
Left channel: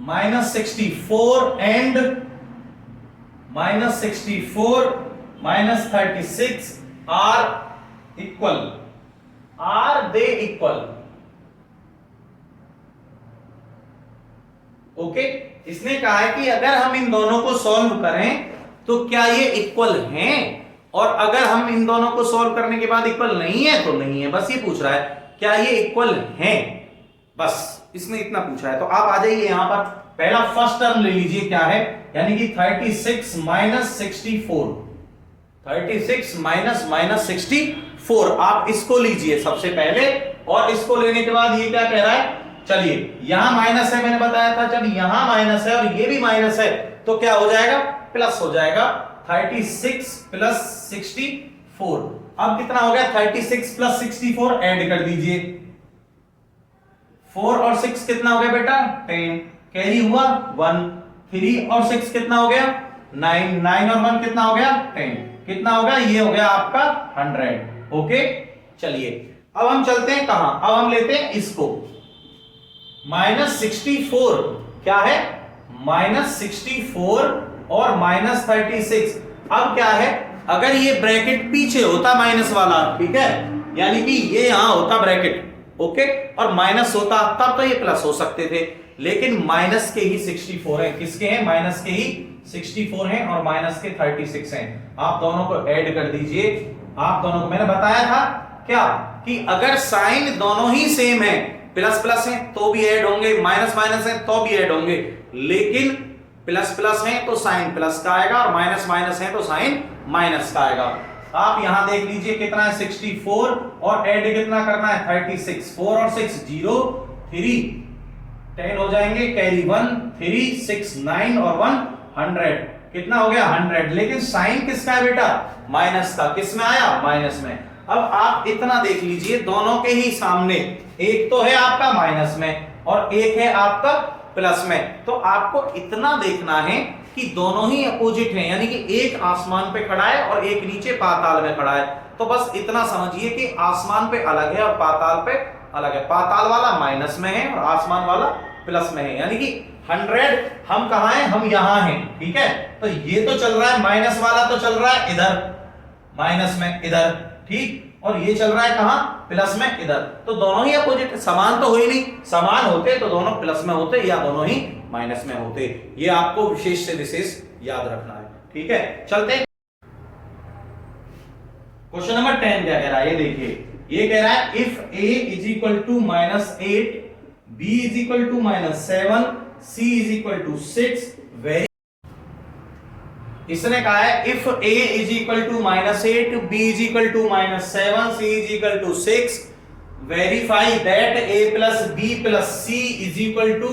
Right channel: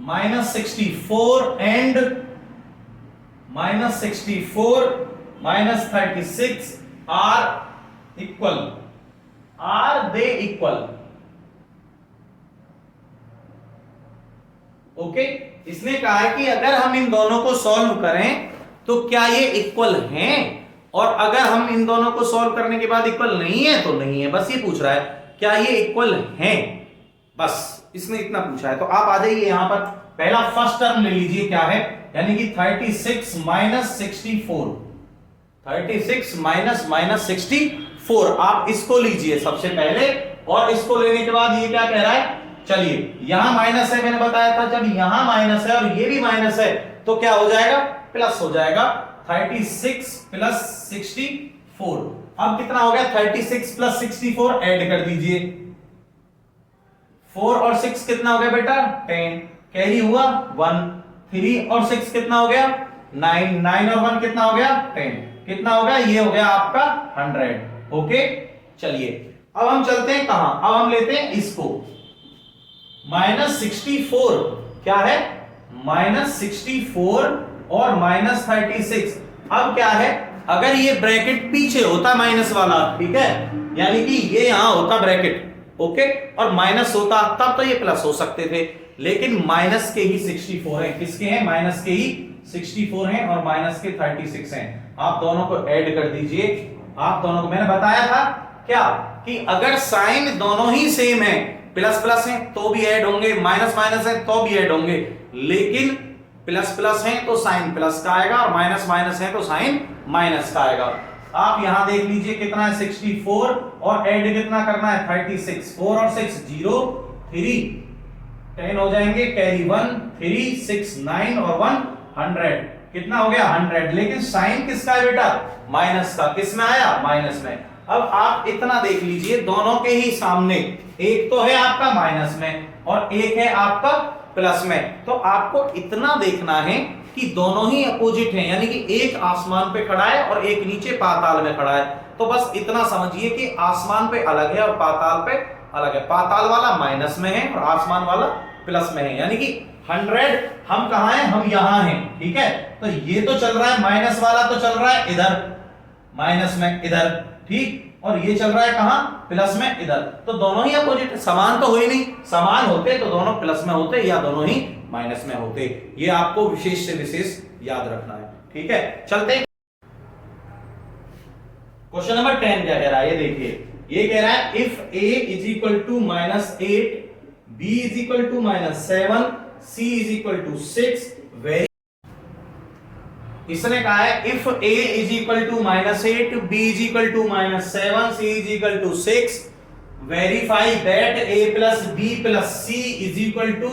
64 and -64 minus 36 are equal, are they equal. Okay, इसने कहा है कि अगर हम इन दोनों को सॉल्व करें तो क्या ये इक्वल हैं, और अगर हम इन दोनों को सॉल्व करने के बाद इक्वल नहीं है तो नहीं है, बस ये पूछ रहा है क्या ये इक्वल हैं, बस इसने इतना पूछा है। तो आप आ जाइए यहां पर, पहला फर्स्ट टर्म ले लीजिए क्या है, यानी कि 36 माइनस 64, 36 माइनस 64 आप इसको लीजिए सबसे पहले, और इसको लेने के बाद ये क्या कह रहा है, चलिए यहां माइनस है, मैंने बताया था जब यहां माइनस है और ये भी माइनस है तो क्या हो जाएगा प्लस हो जाएगा, 36 प्लस 64। अब कितना हो गया 36 प्लस 64 ऐड कर दीजिए, 4 और 6 कितना हो गया बेटा 10, कैरी हुआ 1, 3 और 6 कितना हो गया 9, 9 और 1 कितना हो गया 10, कितना हो गया ये हो गया आपका 100। ओके, चलिए अब हम चलते हैं कहां, अब हम लेते हैं इसको -64 क्या है -64 और -36। अब क्या है, अगर ये ब्रैकेट पीछे होता माइनस वाला, ठीक है, यानी कि ये यहां होता ब्रैकेट, ओके, और माइनस होता तब तो ये प्लस हो सकते थे, लेकिन माइनस के ही 64 है, किसके हैं माइनस के ही 64 हैं और माइनस के 36 हैं। आप दोनों को ऐड कर दीजिए, आप दोनों को मैंने बताया था क्या कि अगर साइन दोनों ही सेम है, प्लस प्लस है तो भी ऐड होंगे, माइनस माइनस है तो भी ऐड होंगे, लेकिन प्लस प्लस है तो साइन प्लस का आएगा और माइनस माइनस है तो साइन माइनस का आएगा। आप यहां देख लीजिए कितना है 64 और ऐड कितना करना है 36, 4 और 6 0, 3 10 हो जाएंगे, कैरी 1, 3 6 9 और 1 100, कितना हो गया 100। लेकिन साइन किसका है बेटा माइनस का, किस में आया माइनस में। अब आप इतना देख लीजिए दोनों के ही सामने, एक तो है आपका माइनस में और एक है आपका प्लस में, तो आपको इतना देखना है कि दोनों ही अपोजिट हैं, यानी कि एक आसमान पे खड़ा है और एक नीचे पाताल में खड़ा है। तो बस इतना समझिए कि आसमान पे अलग है और पाताल पे अलग है, पाताल वाला माइनस में है और आसमान वाला प्लस में है, यानी कि 100 हम कहां हैं, हम यहां हैं, ठीक है। तो ये तो चल रहा है माइनस वाला तो चल रहा है इधर माइनस में इधर, ठीक, और ये चल रहा है कहां प्लस में इधर, तो दोनों ही अपोजिट, समान तो हो ही नहीं, समान होते तो दोनों प्लस में होते या दोनों ही माइनस में होते। ये आपको विशेष से विशेष याद रखना है, ठीक है। चलते क्वेश्चन नंबर 10 क्या कह रहा है, ये देखिए, ये कह रहा है if a is equal to -8, b is equal to -7, c is equal to 6, very, इसने कहा है if a is equal to -8, b is equal to -7, c is equal to 6, verify that a plus b plus c is equal to,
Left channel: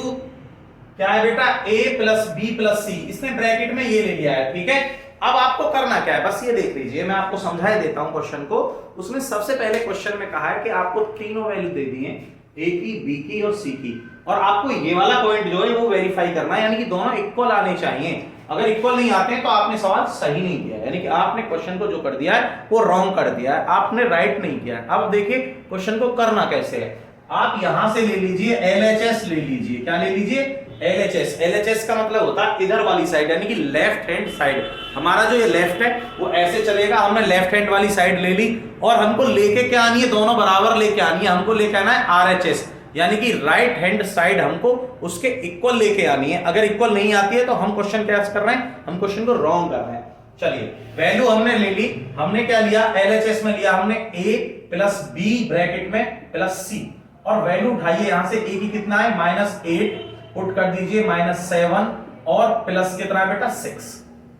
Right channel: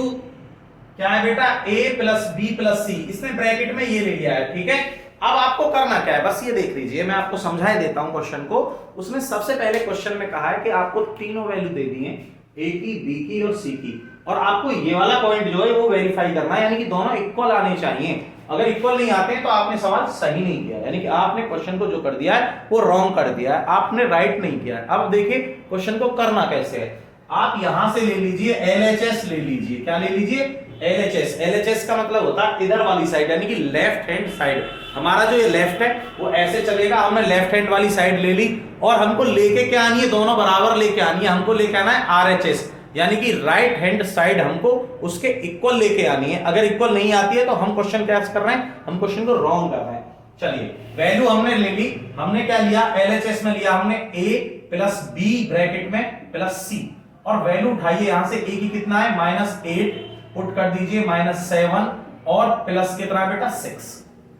क्या है बेटा, a plus b plus c, इसने bracket में ये ले लिया है, ठीक है। अब आपको करना क्या है, बस ये देख लीजिए, मैं आपको समझा देता हूं क्वेश्चन को। उसमें सबसे पहले क्वेश्चन में कहा है कि आपको तीनों वैल्यू दे दी है, ए की, बी की और सी की, और आपको ये वाला पॉइंट जो है वो वेरीफाई करना है, यानी कि दोनों इक्वल आने चाहिए। अगर इक्वल नहीं आते हैं तो आपने सवाल सही नहीं किया, यानी कि आपने क्वेश्चन को जो कर दिया है वो रॉन्ग कर दिया है, आपने राइट नहीं किया। अब देखिए क्वेश्चन को करना कैसे है, आप यहां से ले लीजिए LHS ले लीजिए, क्या ले लीजिए, LHS। LHS का मतलब होता है इधर वाली साइड, यानी कि लेफ्ट हैंड साइड। हमारा जो ये लेफ्ट है वो ऐसे चलेगा, हमने लेफ्ट हैंड वाली साइड ले ली, और हमको लेके क्या आनी है, दोनों बराबर लेके आनी है, हमको लेके आना है RHS, यानी कि राइट हैंड साइड हमको उसके इक्वल लेके आनी है। अगर इक्वल नहीं आती है तो हम क्वेश्चन क्या कर रहे हैं, हम क्वेश्चन को रॉन्ग कर रहे हैं। चलिए वैल्यू हमने ले ली, हमने क्या लिया, LHS में लिया हमने a प्लस b ब्रैकेट में प्लस c, और वैल्यू उठाइए यहां से, a की कितना है -8, पुट कर दीजिए -7, और प्लस कितना है बेटा 6,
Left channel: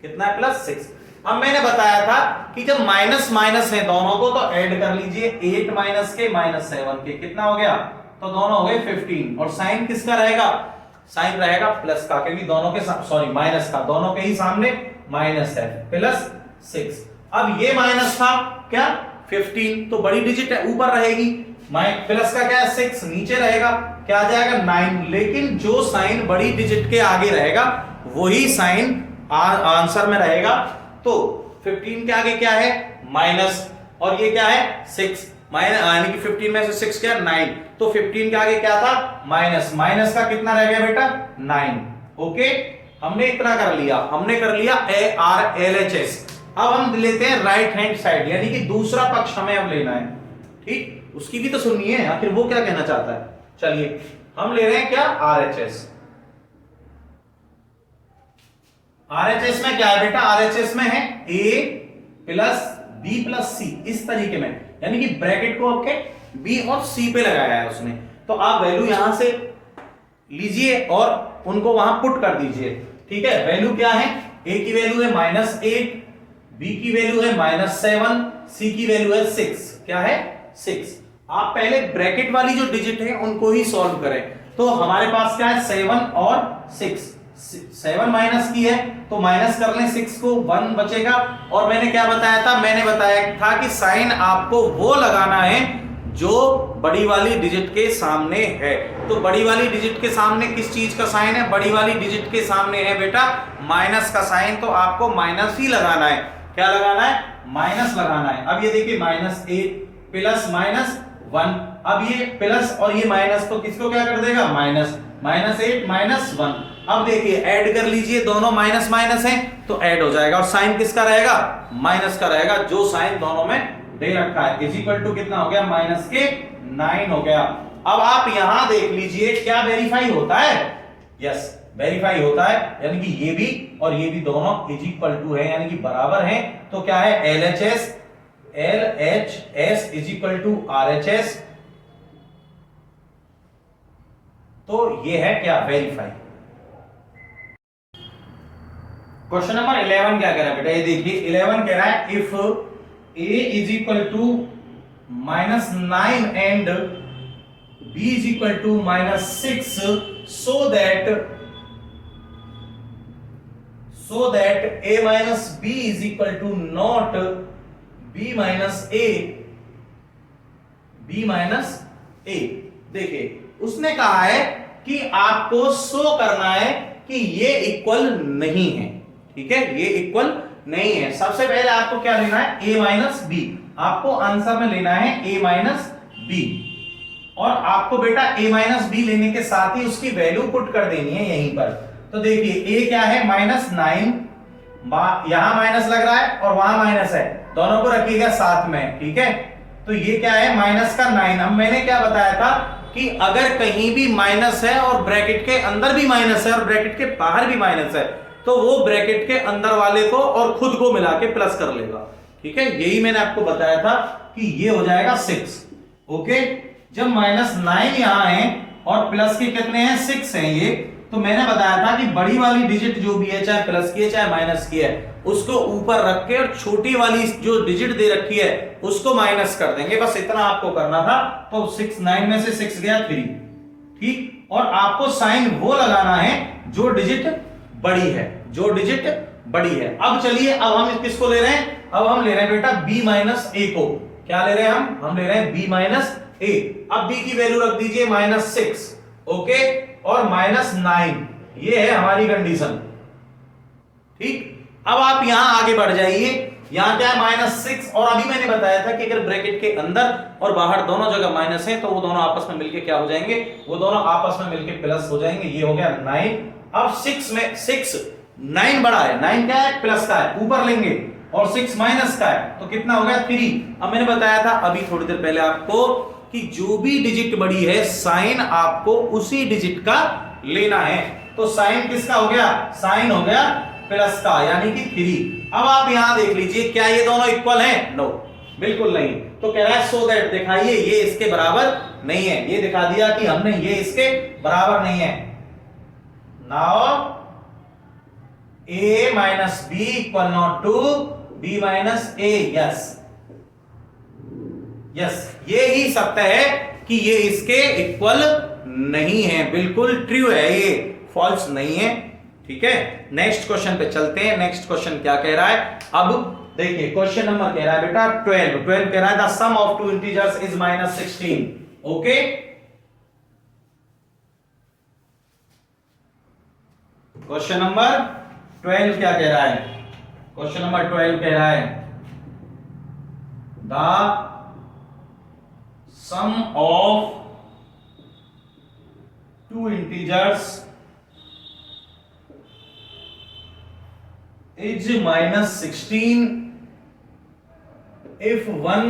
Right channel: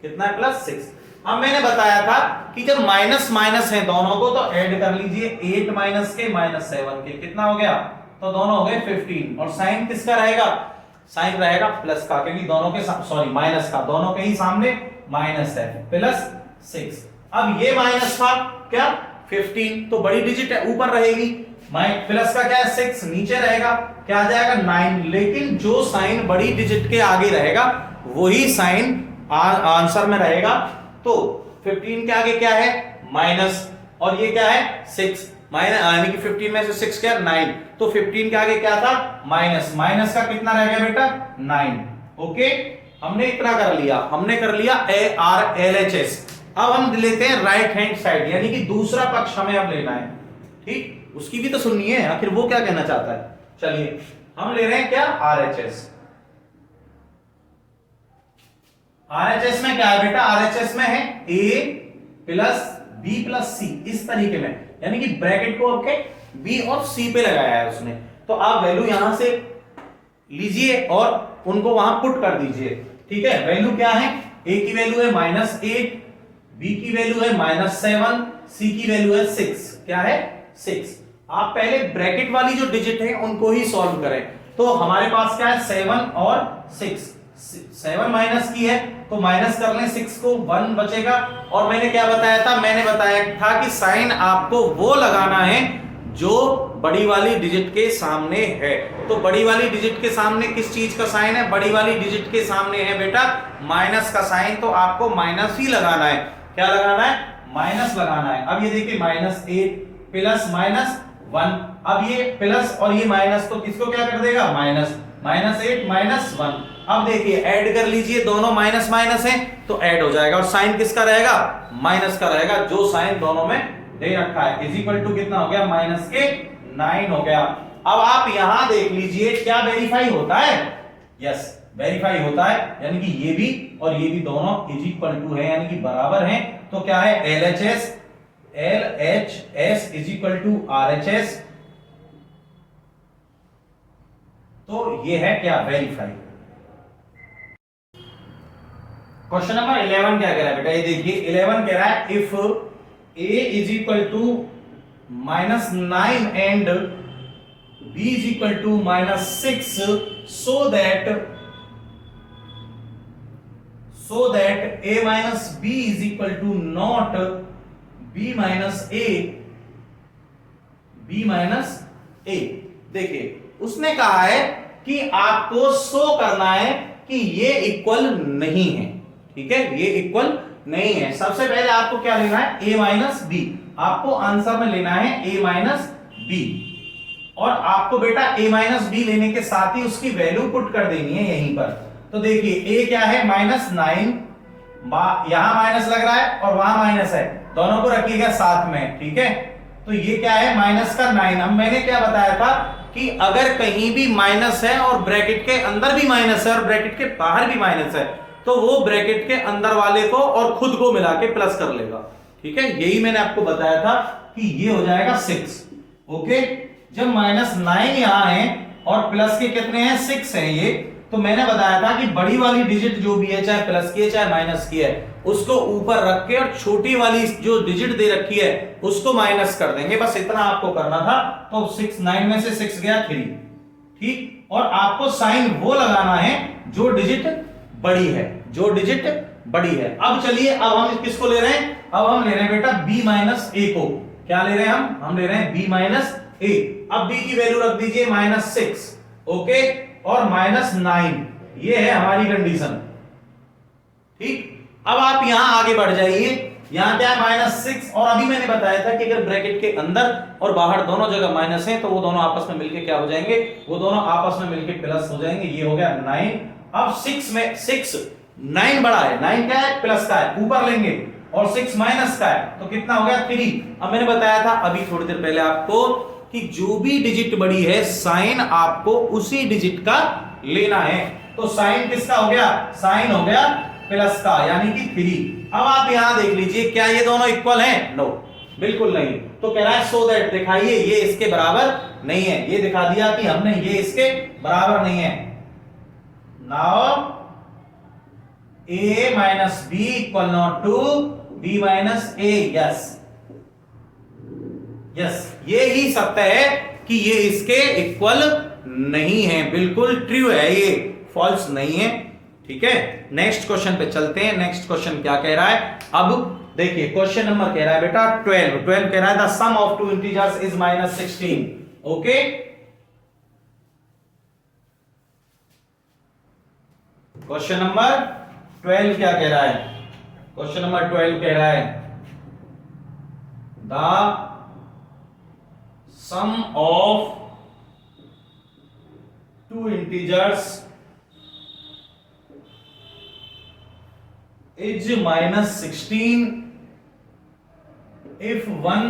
कितना है +6। अब मैंने बताया था कि जब माइनस माइनस है दोनों को तो ऐड कर लीजिए, 8 माइनस के -7 के, कितना हो गया, तो दोनों हो गए 15, और साइन किसका रहेगा, साइन रहेगा प्लस का, क्योंकि दोनों के सॉरी माइनस का, दोनों के ही सामने माइनस है, +6। अब ये माइनस था क्या 15, तो बड़ी डिजिट है ऊपर रहेगी, प्लस का क्या है 6, नीचे रहेगा, क्या आ जाएगा 9, लेकिन जो साइन बड़ी डिजिट के आगे रहेगा वही साइन आंसर में रहेगा। तो 15 के आगे क्या है माइनस, और ये क्या है 6, माइनस, यानी कि 15 में से 6 क्या 9, तो 15 के आगे क्या था माइनस, माइनस का कितना रह गया बेटा 9। ओके, हमने इतना कर लिया, हमने कर लिया LHS। अब हम लेते हैं राइट हैंड साइड, यानी कि दूसरा पक्ष हमें अब लेना है, ठीक, उसकी भी तो सुनिए आखिर वो क्या कहना चाहता है। चलिए हम ले रहे हैं क्या RHS। RHS में क्या है बेटा, RHS में है a plus b plus c, इस तरीके में, यानी कि ब्रैकेट को आपके b और c पे लगाया है उसने। तो आप वैल्यू यहां से लीजिए और उनको वहां पुट कर दीजिए, ठीक है। वैल्यू क्या है, a की वैल्यू है -8, b की वैल्यू है -7, c की वैल्यू है 6, क्या है 6। आप पहले ब्रैकेट वाली जो डिजिट है उनको ही सॉल्व करें, तो हमारे पास क्या है 7 और 6, 7 माइनस की है तो माइनस कर लें 6 को, 1 बचेगा। और मैंने क्या बताया था, मैंने बताया था कि साइन आपको वो लगाना है जो बड़ी वाली डिजिट के सामने है। तो बड़ी वाली डिजिट के सामने किस चीज का साइन है, बड़ी वाली डिजिट के सामने है बेटा माइनस का साइन, तो आपको माइनस ही लगाना है। क्या लगाना है, माइनस लगाना है। अब ये देखिए -8 प्लस -1, अब ये प्लस और ये माइनस तो किसको क्या कर देगा, माइनस, -8 -1। अब देखिए ऐड कर लीजिए, दोनों माइनस माइनस है तो ऐड हो जाएगा, और साइन किसका रहेगा, माइनस का रहेगा, जो साइन दोनों में दे रखा है, इज इक्वल टू कितना हो गया, -9 हो गया। अब आप यहां देख लीजिए क्या वेरीफाई होता है, यस वेरीफाई होता है, यानी कि ये भी और ये भी दोनों इज इक्वल टू है, यानी कि बराबर है। तो क्या है, LHS is equal to RHS, तो ये है क्या, वेरीफाई। क्वेश्चन नंबर 11 क्या कह रहा है बेटा, ये देखिए 11 कह रहा है if a is equal to -9 and b is equal to -6 so that a minus b is equal to not b minus a, b minus a। देखिए उसने कहा है कि आपको शो करना है कि ये इक्वल नहीं है, ठीक है, ये इक्वल नहीं है। सबसे पहले आपको क्या लेना है, a माइनस बी, आपको आंसर में लेना है a माइनस बी, और आपको बेटा a माइनस बी लेने के साथ ही उसकी वैल्यू पुट कर देनी है यहीं पर। तो देखिए a क्या है, -9, यहां माइनस लग रहा है और वहां माइनस है, दोनों को रखिएगा साथ में, ठीक है। तो ये क्या है, माइनस का 9। अब मैंने क्या बताया था कि अगर कहीं भी माइनस है और ब्रैकेट के अंदर भी माइनस है और ब्रैकेट के बाहर भी माइनस है, तो वो ब्रैकेट के अंदर वाले को और खुद को मिला के प्लस कर लेगा। ठीक है, यही मैंने आपको बताया था कि ये हो जाएगा 6। ओके, जब -9 यहां है और प्लस के कितने हैं 6 हैं ये, तो मैंने बताया था कि बड़ी वाली डिजिट जो भी है, चाहे प्लस की है चाहे माइनस की है, उसको ऊपर रख के और छोटी वाली जो डिजिट दे रखी है उसको माइनस कर देंगे, बस इतना आपको करना था। तो 9 में से 6 गया 3, ठीक। और आपको साइन वो लगाना है जो डिजिट बड़ी है, जो डिजिट बड़ी है। अब चलिए, अब हम किसको ले रहे हैं, अब हम ले रहे हैं बेटा b माइनस ए को। क्या ले रहे हैं हम ले रहे हैं b माइनस ए। अब b की वैल्यू रख दीजिए -6, ओके, और -9, ये है हमारी कंडीशन, ठीक। अब आप यहां आगे बढ़ जाइए, यहां क्या है -6, और अभी मैंने बताया था कि अगर ब्रैकेट के अंदर और बाहर दोनों जगह माइनस है तो वो दोनों आपस में मिलके क्या हो जाएंगे, वो दोनों आपस में मिलके प्लस हो जाएंगे। ये हो गया 9। अब 6 में 9 बड़ा है, 9 क्या है, प्लस का है, ऊपर लेंगे, और 6 माइनस का है, तो कितना हो गया 3। अब मैंने बताया था अभी थोड़ी देर पहले आपको कि जो भी डिजिट बड़ी है साइन आपको उसी डिजिट का लेना है। तो साइन किसका हो गया, साइन हो गया प्लस का, यानी कि 3। अब आप यहां देख लीजिए, क्या ये दोनों इक्वल हैं, नो, बिल्कुल नहीं। तो कह रहा है सो दैट, दिखाइए ये इसके बराबर नहीं है। ये दिखा दिया कि हमने, ये इसके बराबर नहीं है। Now a minus b equal not to b minus a, yes yes, ये ही सत्य है कि ये इसके इक्वल नहीं है, बिल्कुल ट्रू है, ये फॉल्स नहीं है, ठीक है। नेक्स्ट क्वेश्चन पे चलते हैं। नेक्स्ट क्वेश्चन क्या कह रहा है, अब देखिए क्वेश्चन नंबर कह रहा है बेटा 12 कह रहा है the sum of two integers is -16, okay. Question number 12 क्या कह रहा है, क्वेश्चन नंबर 12 कह रहा है the sum of two integers is -16 if one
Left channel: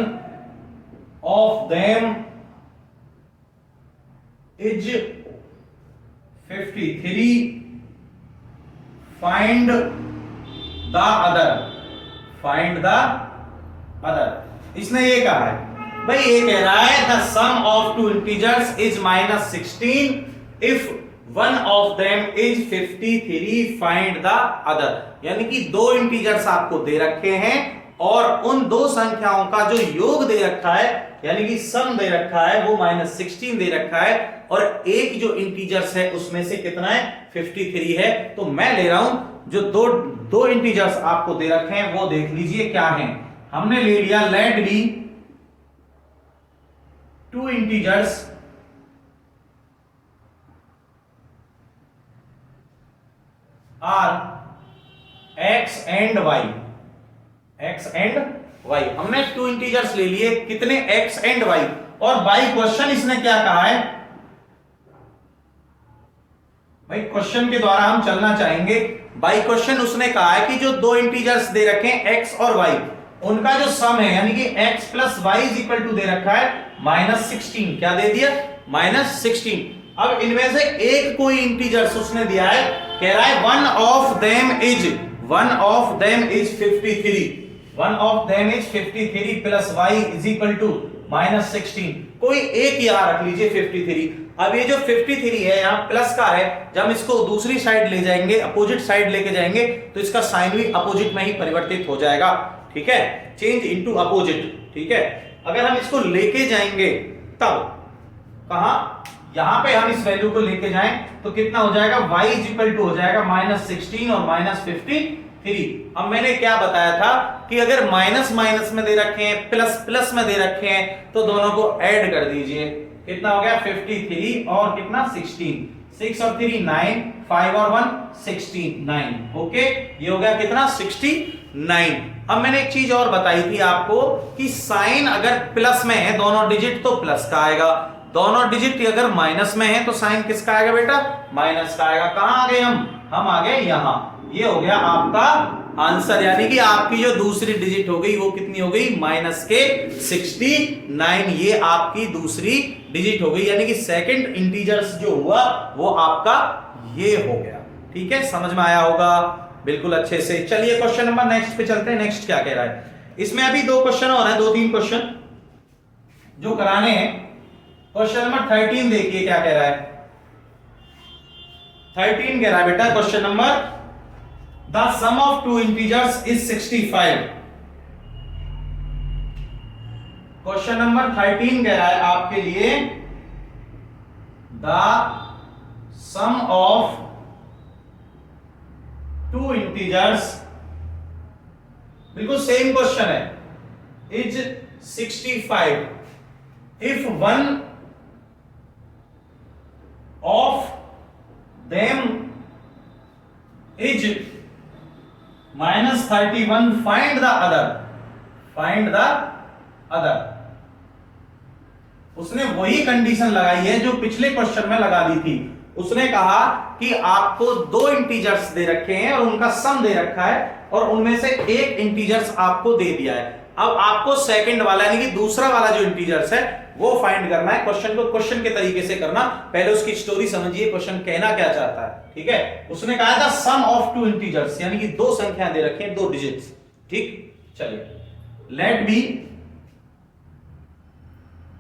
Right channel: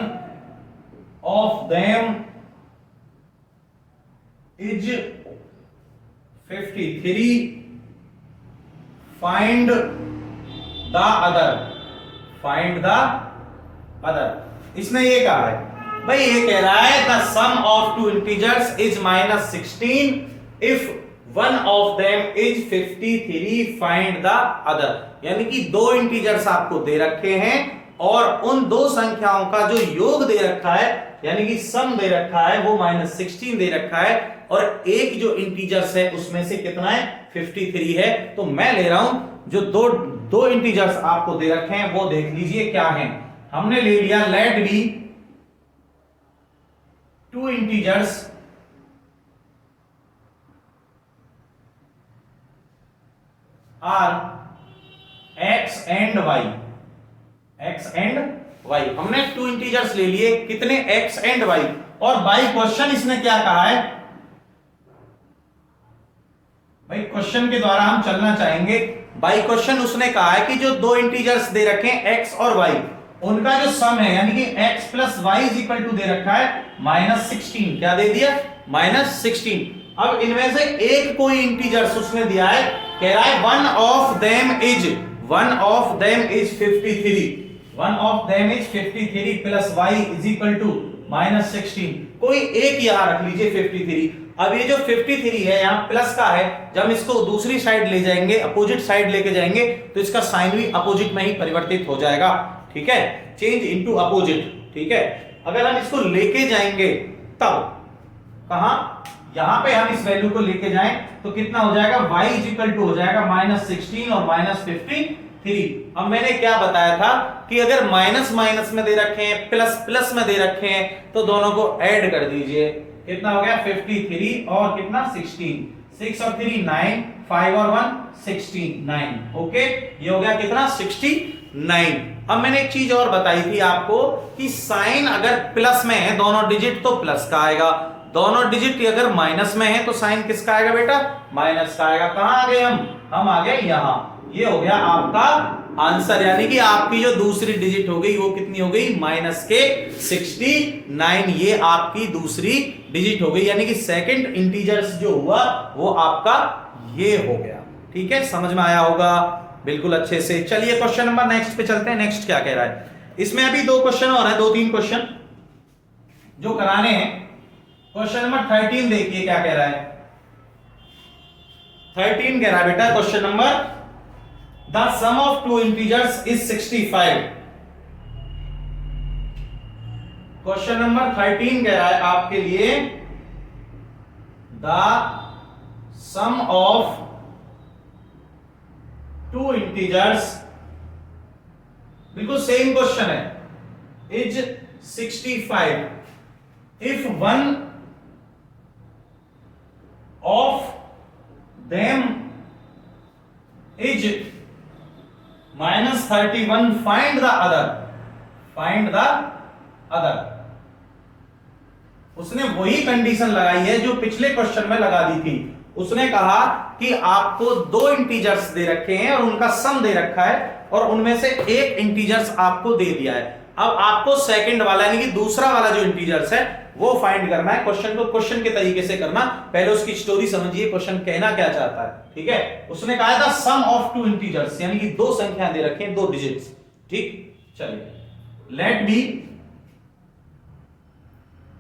of them is 53, find the other, find the other। इसने ये कहा है भाई, ये कह रहा है the sum of two integers is -16 if one of them is 53, find the other. यानी कि दो इंटीजर्स आपको दे रखे हैं और उन दो संख्याओं का जो योग दे रखा है, यानी कि सम दे रखा है, वो -16 दे रखा है, और एक जो इंटीजर्स है उसमें से कितना है, 53 है। तो मैं ले रहा हूं जो दो इंटीजर्स आपको दे रखे हैं वो देख लीजिए क्या है। हमने ले लिया let be two integers are x and y, x and y। हमने टू इंटीजर्स ले लिए, कितने, x एंड y, और बाय क्वेश्चन इसने क्या कहा है, भाई क्वेश्चन के द्वारा हम चलना चाहेंगे। बाय क्वेश्चन उसने कहा है कि जो दो इंटीजर्स दे रखे हैं x और y, उनका जो सम है, यानी कि x plus y is equal to दे रखा है -16। क्या दे दिया, -16। अब इनमें से एक कोई इंटीजर्स उसने दिया है, कह रहा है one of them is 53, one of them is 53 plus y is equal to -16। कोई एक यहां रख लीजिए 53। अब ये जो 53 है यहाँ प्लस का है, जब हम इसको दूसरी साइड ले जाएंगे, अपोजिट साइड लेके जाएंगे, तो इसका साइन भी अपोजिट में ही परिवर्तित हो जाएगा, ठीक है, चेंज इनटू अपोजिट, ठीक है। अगर हम इसको लेके जाएंगे तब कहां, यहां पे हम इस वैल्यू को लेके जाएं तो कितना हो जाएगा, y इज इक्वल टू हो जाएगा -16 और -53। अब मैंने क्या बताया था कि अगर माइनस माइनस में दे रखे हैं, प्लस प्लस में दे रखे हैं, तो दोनों को ऐड कर दीजिए। कितना हो गया, 53 और कितना 16, 6 और 3 9, 5 और 1 69, ओके। ये हो गया कितना, 69। अब मैंने एक चीज और बताई थी आपको कि साइन अगर प्लस में है दोनों डिजिट तो प्लस का आएगा, दोनों डिजिट अगर माइनस में है तो साइन किसका आएगा बेटा, माइनस का आएगा। कहां आ गए हम आ गए यहां। ये हो गया आपका आंसर, यानी कि आपकी जो दूसरी डिजिट हो गई वो कितनी हो गई, माइनस के 69। ये आपकी दूसरी डिजिट हो गई, यानी कि सेकंड इंटीजर्स जो हुआ वो आपका ये हो गया, ठीक है। समझ में आया होगा बिल्कुल अच्छे से। चलिए क्वेश्चन नंबर नेक्स्ट पे चलते हैं। नेक्स्ट क्या कह रहा है, इसमें अभी 2 क्वेश्चन और है, 2-3 क्वेश्चन जो कराने हैं। क्वेश्चन नंबर 13 देखिए क्या कह रहा है। 13 कह रहा है बेटा question number, the sum of two integers is 65। Question number 13 कह रहा है आपके लिए, the sum of two integers, बिल्कुल सेम क्वेश्चन है, is 65 if one of them is -31 find the other। उसने वही कंडीशन लगाई है जो पिछले क्वेश्चन में लगा दी थी। उसने कहा कि आपको 2 इंटीजर्स दे रखे हैं और उनका सम दे रखा है और उनमें से एक इंटीजर्स आपको दे दिया है। अब आपको सेकंड वाला यानी कि दूसरा वाला जो इंटीजर्स है वो फाइंड करना है। क्वेश्चन को क्वेश्चन के तरीके से करना, पहले उसकी स्टोरी समझिए, क्वेश्चन कहना क्या चाहता है, ठीक है। उसने कहा था सम ऑफ टू इंटीजर्स, यानी कि 2 संख्याएं दे रखे हैं, 2 डिजिट्स, ठीक। चलिए, लेट बी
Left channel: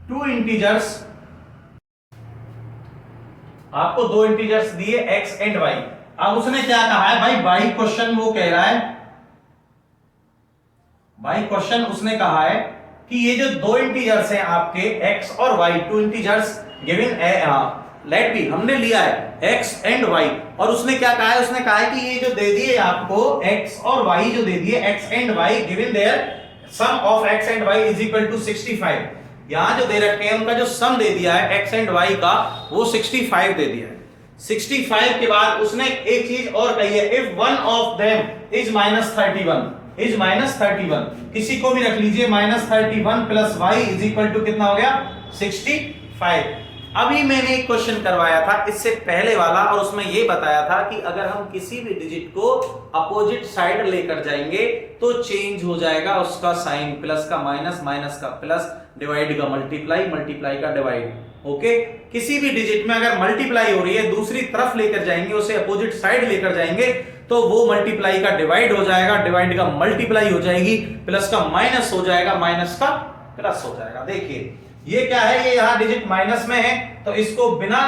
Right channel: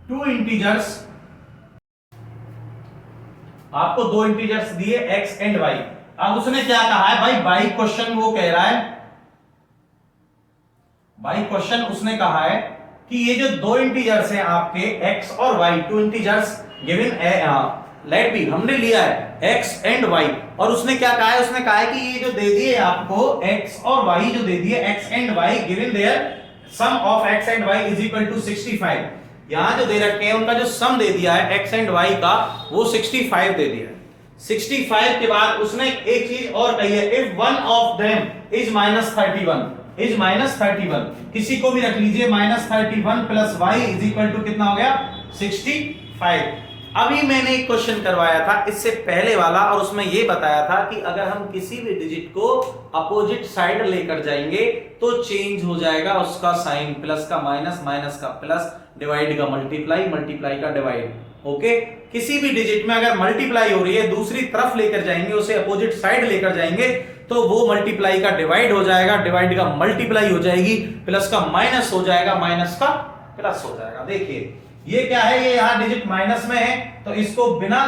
टू इंटीजर्स, आपको 2 इंटीजर्स दिए x एंड y। अब उसने क्या कहा है भाई, बाई क्वेश्चन वो कह रहा है, बाई क्वेश्चन उसने कहा है कि ये जो 2 इंटीजर्स हैं आपके x और y, 2 integers given let be, हमने लिया है x एंड y, और उसने क्या कहा है, उसने कहा है कि ये जो दे दिए आपको x और y जो दे दिए x and y given their sum of x and y is equal to 65। यहां जो दे रखे हैं उनका जो सम दे दिया है x एंड y का, वो 65 दे दिया है। 65 के बाद उसने एक चीज और कही है, if one of them is -31, किसी को भी रख लीजिए, -31 plus Y is equal to कितना हो गया, 65। अभी मैंने एक क्वेश्चन करवाया था इससे पहले वाला, और उसमें यह बताया था कि अगर हम किसी भी डिजिट को अपोजिट साइड लेकर जाएंगे तो चेंज हो जाएगा उसका साइन, प्लस का माइनस, माइनस का प्लस, डिवाइड का मल्टीप्लाई, मल्टीप्लाई का डिवाइड। ओके, किसी भी डिजिट में अगर मल्टीप्लाई हो रही है दूसरी तरफ लेकर जाएंगे, उसे अपोजिट साइड लेकर जाएंगे तो वो मल्टीप्लाई का डिवाइड हो जाएगा, डिवाइड का मल्टीप्लाई हो जाएगी, प्लस का माइनस हो जाएगा, माइनस का प्लस हो जाएगा। देखिए ये क्या है, ये यहां डिजिट माइनस में है तो इसको बिना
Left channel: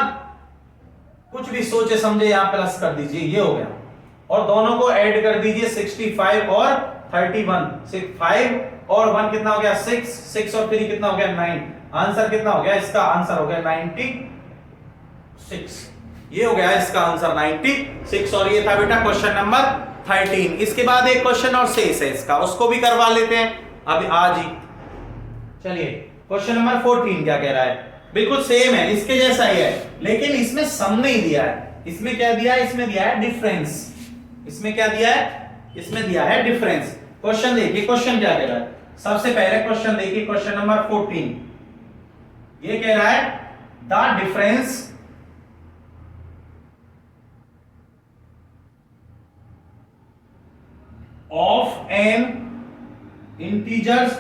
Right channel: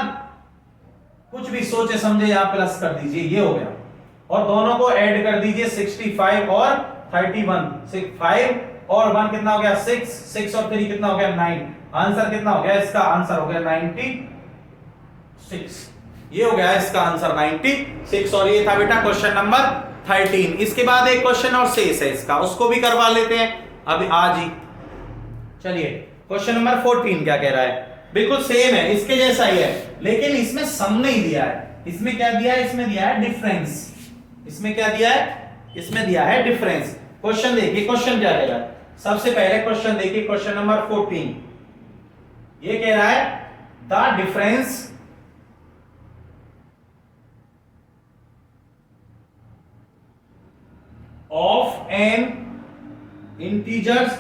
कुछ भी सोचे समझे यहां प्लस कर दीजिए, ये हो गया, और दोनों को ऐड कर दीजिए 65 और 31, 5 और 1 कितना हो गया 6, 6 और 3 कितना हो गया 9, आंसर कितना हो गया, इसका आंसर हो गया 96। ये हो गया इसका आंसर 96, और ये था बेटा क्वेश्चन नंबर 13। इसके बाद एक क्वेश्चन और शेष है इसका, उसको भी करवा लेते हैं अभी आज ही। चलिए क्वेश्चन नंबर 14 क्या कह रहा है, बिल्कुल सेम है, इसके जैसा ही है, लेकिन इसमें सम नहीं दिया है। इसमें क्या दिया है, इसमें दिया है डिफरेंस। इसमें क्या दिया है, इसमें दिया है डिफरेंस। क्वेश्चन देखिए, क्वेश्चन क्या कह रहा है, सबसे पहले क्वेश्चन देखिए, क्वेश्चन नंबर 14 ये कह रहा है the difference of an integers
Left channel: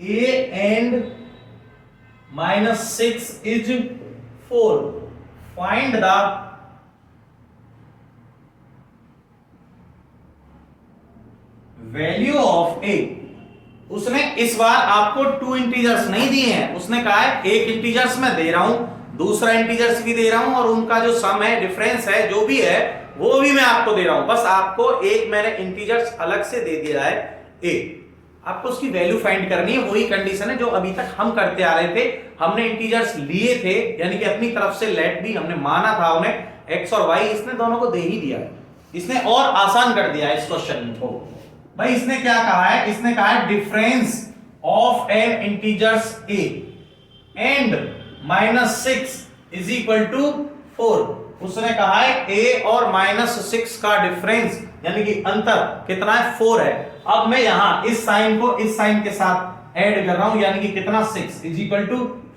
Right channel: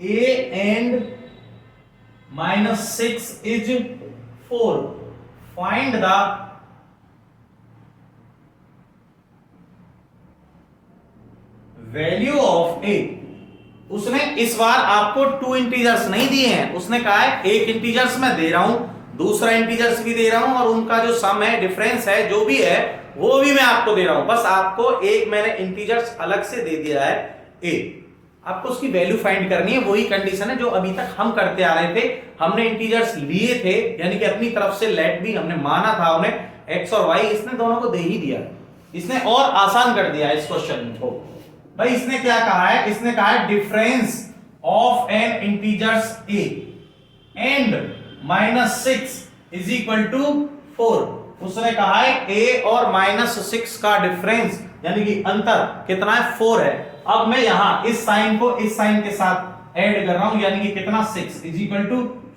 a and -6 is 4, find the value of a। उसने इस बार आपको 2 इंटीजर्स नहीं दिए हैं, उसने कहा है एक इंटीजर्स मैं दे रहा हूं, दूसरा इंटीजर्स भी दे रहा हूं, और उनका जो सम है, डिफरेंस है, जो भी है वो भी मैं आपको दे रहा हूं। बस आपको एक मैंने इंटीजर्स अलग से दे दिया है a, आपको उसकी वैल्यू फाइंड करनी है। वही कंडीशन है जो अभी तक हम करते आ रहे थे, हमने इंटीजर्स लिए थे, यानी कि अपनी तरफ से लेट भी हमने माना था उन्हें, x और y इसने दोनों को दे ही दिया, इसने और आसान कर दिया इस क्वेश्चन को। भाई इसने क्या कहा है, इसने कहा है difference of an integers a and -6 is equal to 4। उसने कहा है a और -6 का डिफरेंस यानी कि अंतर कितना है, 4 है। अब मैं यहां इस साइन को इस साइन के साथ ऐड कर रहा हूं, यानी कि कितना 6 इज इक्वल टू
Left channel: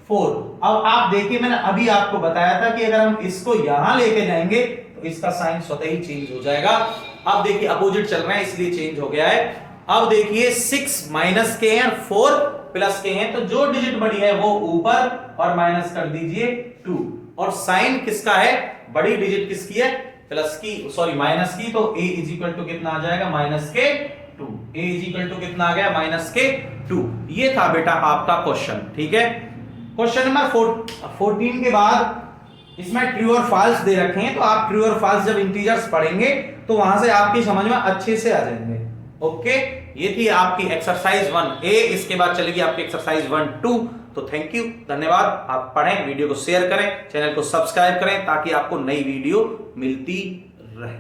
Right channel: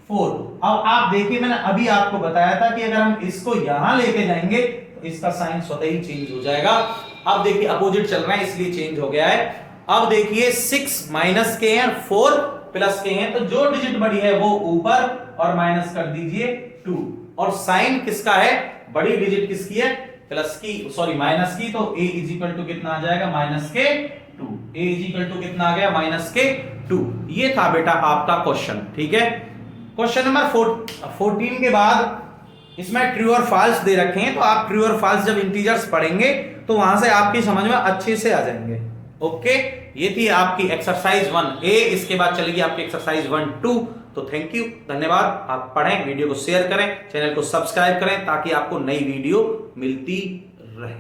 4। अब आप देखिए, मैंने अभी आपको बताया था कि अगर हम इसको यहां लेके जाएंगे तो इसका साइन स्वतः ही चेंज हो जाएगा। अब देखिए अपोजिट चल रहा है इसलिए चेंज हो गया है। अब देखिए 6 माइनस के हैं और 4 प्लस के हैं, तो जो डिजिट बड़ी है वो ऊपर और माइनस कर दीजिए 2, और साइन किसका है, बड़ी डिजिट किसकी है, प्लस की, सॉरी माइनस की, तो a इज इक्वल टू कितना आ जाएगा, -2। 2। a इज इक्वल टू कितना आ गया -2। ये था बेटा आपका क्वेश्चन, ठीक है। क्वेश्चन नंबर 14 के बाद इसमें ट्रू और फॉल्स दे रखे हैं, तो आप ट्रू और फॉल्स जब इंटीजर्स पढ़ेंगे तो वहां से आपकी समझ में अच्छे से आ जाएंगे। ओके, ये थी आपकी एक्सरसाइज 1A। इसके बाद चलेगी आपकी एक्सरसाइज 1-2। तो थैंक यू, धन्यवाद। आप पढ़ें, वीडियो को शेयर करें, चैनल को सब्सक्राइब करें ताकि आपको नई वीडियो मिलती रहे।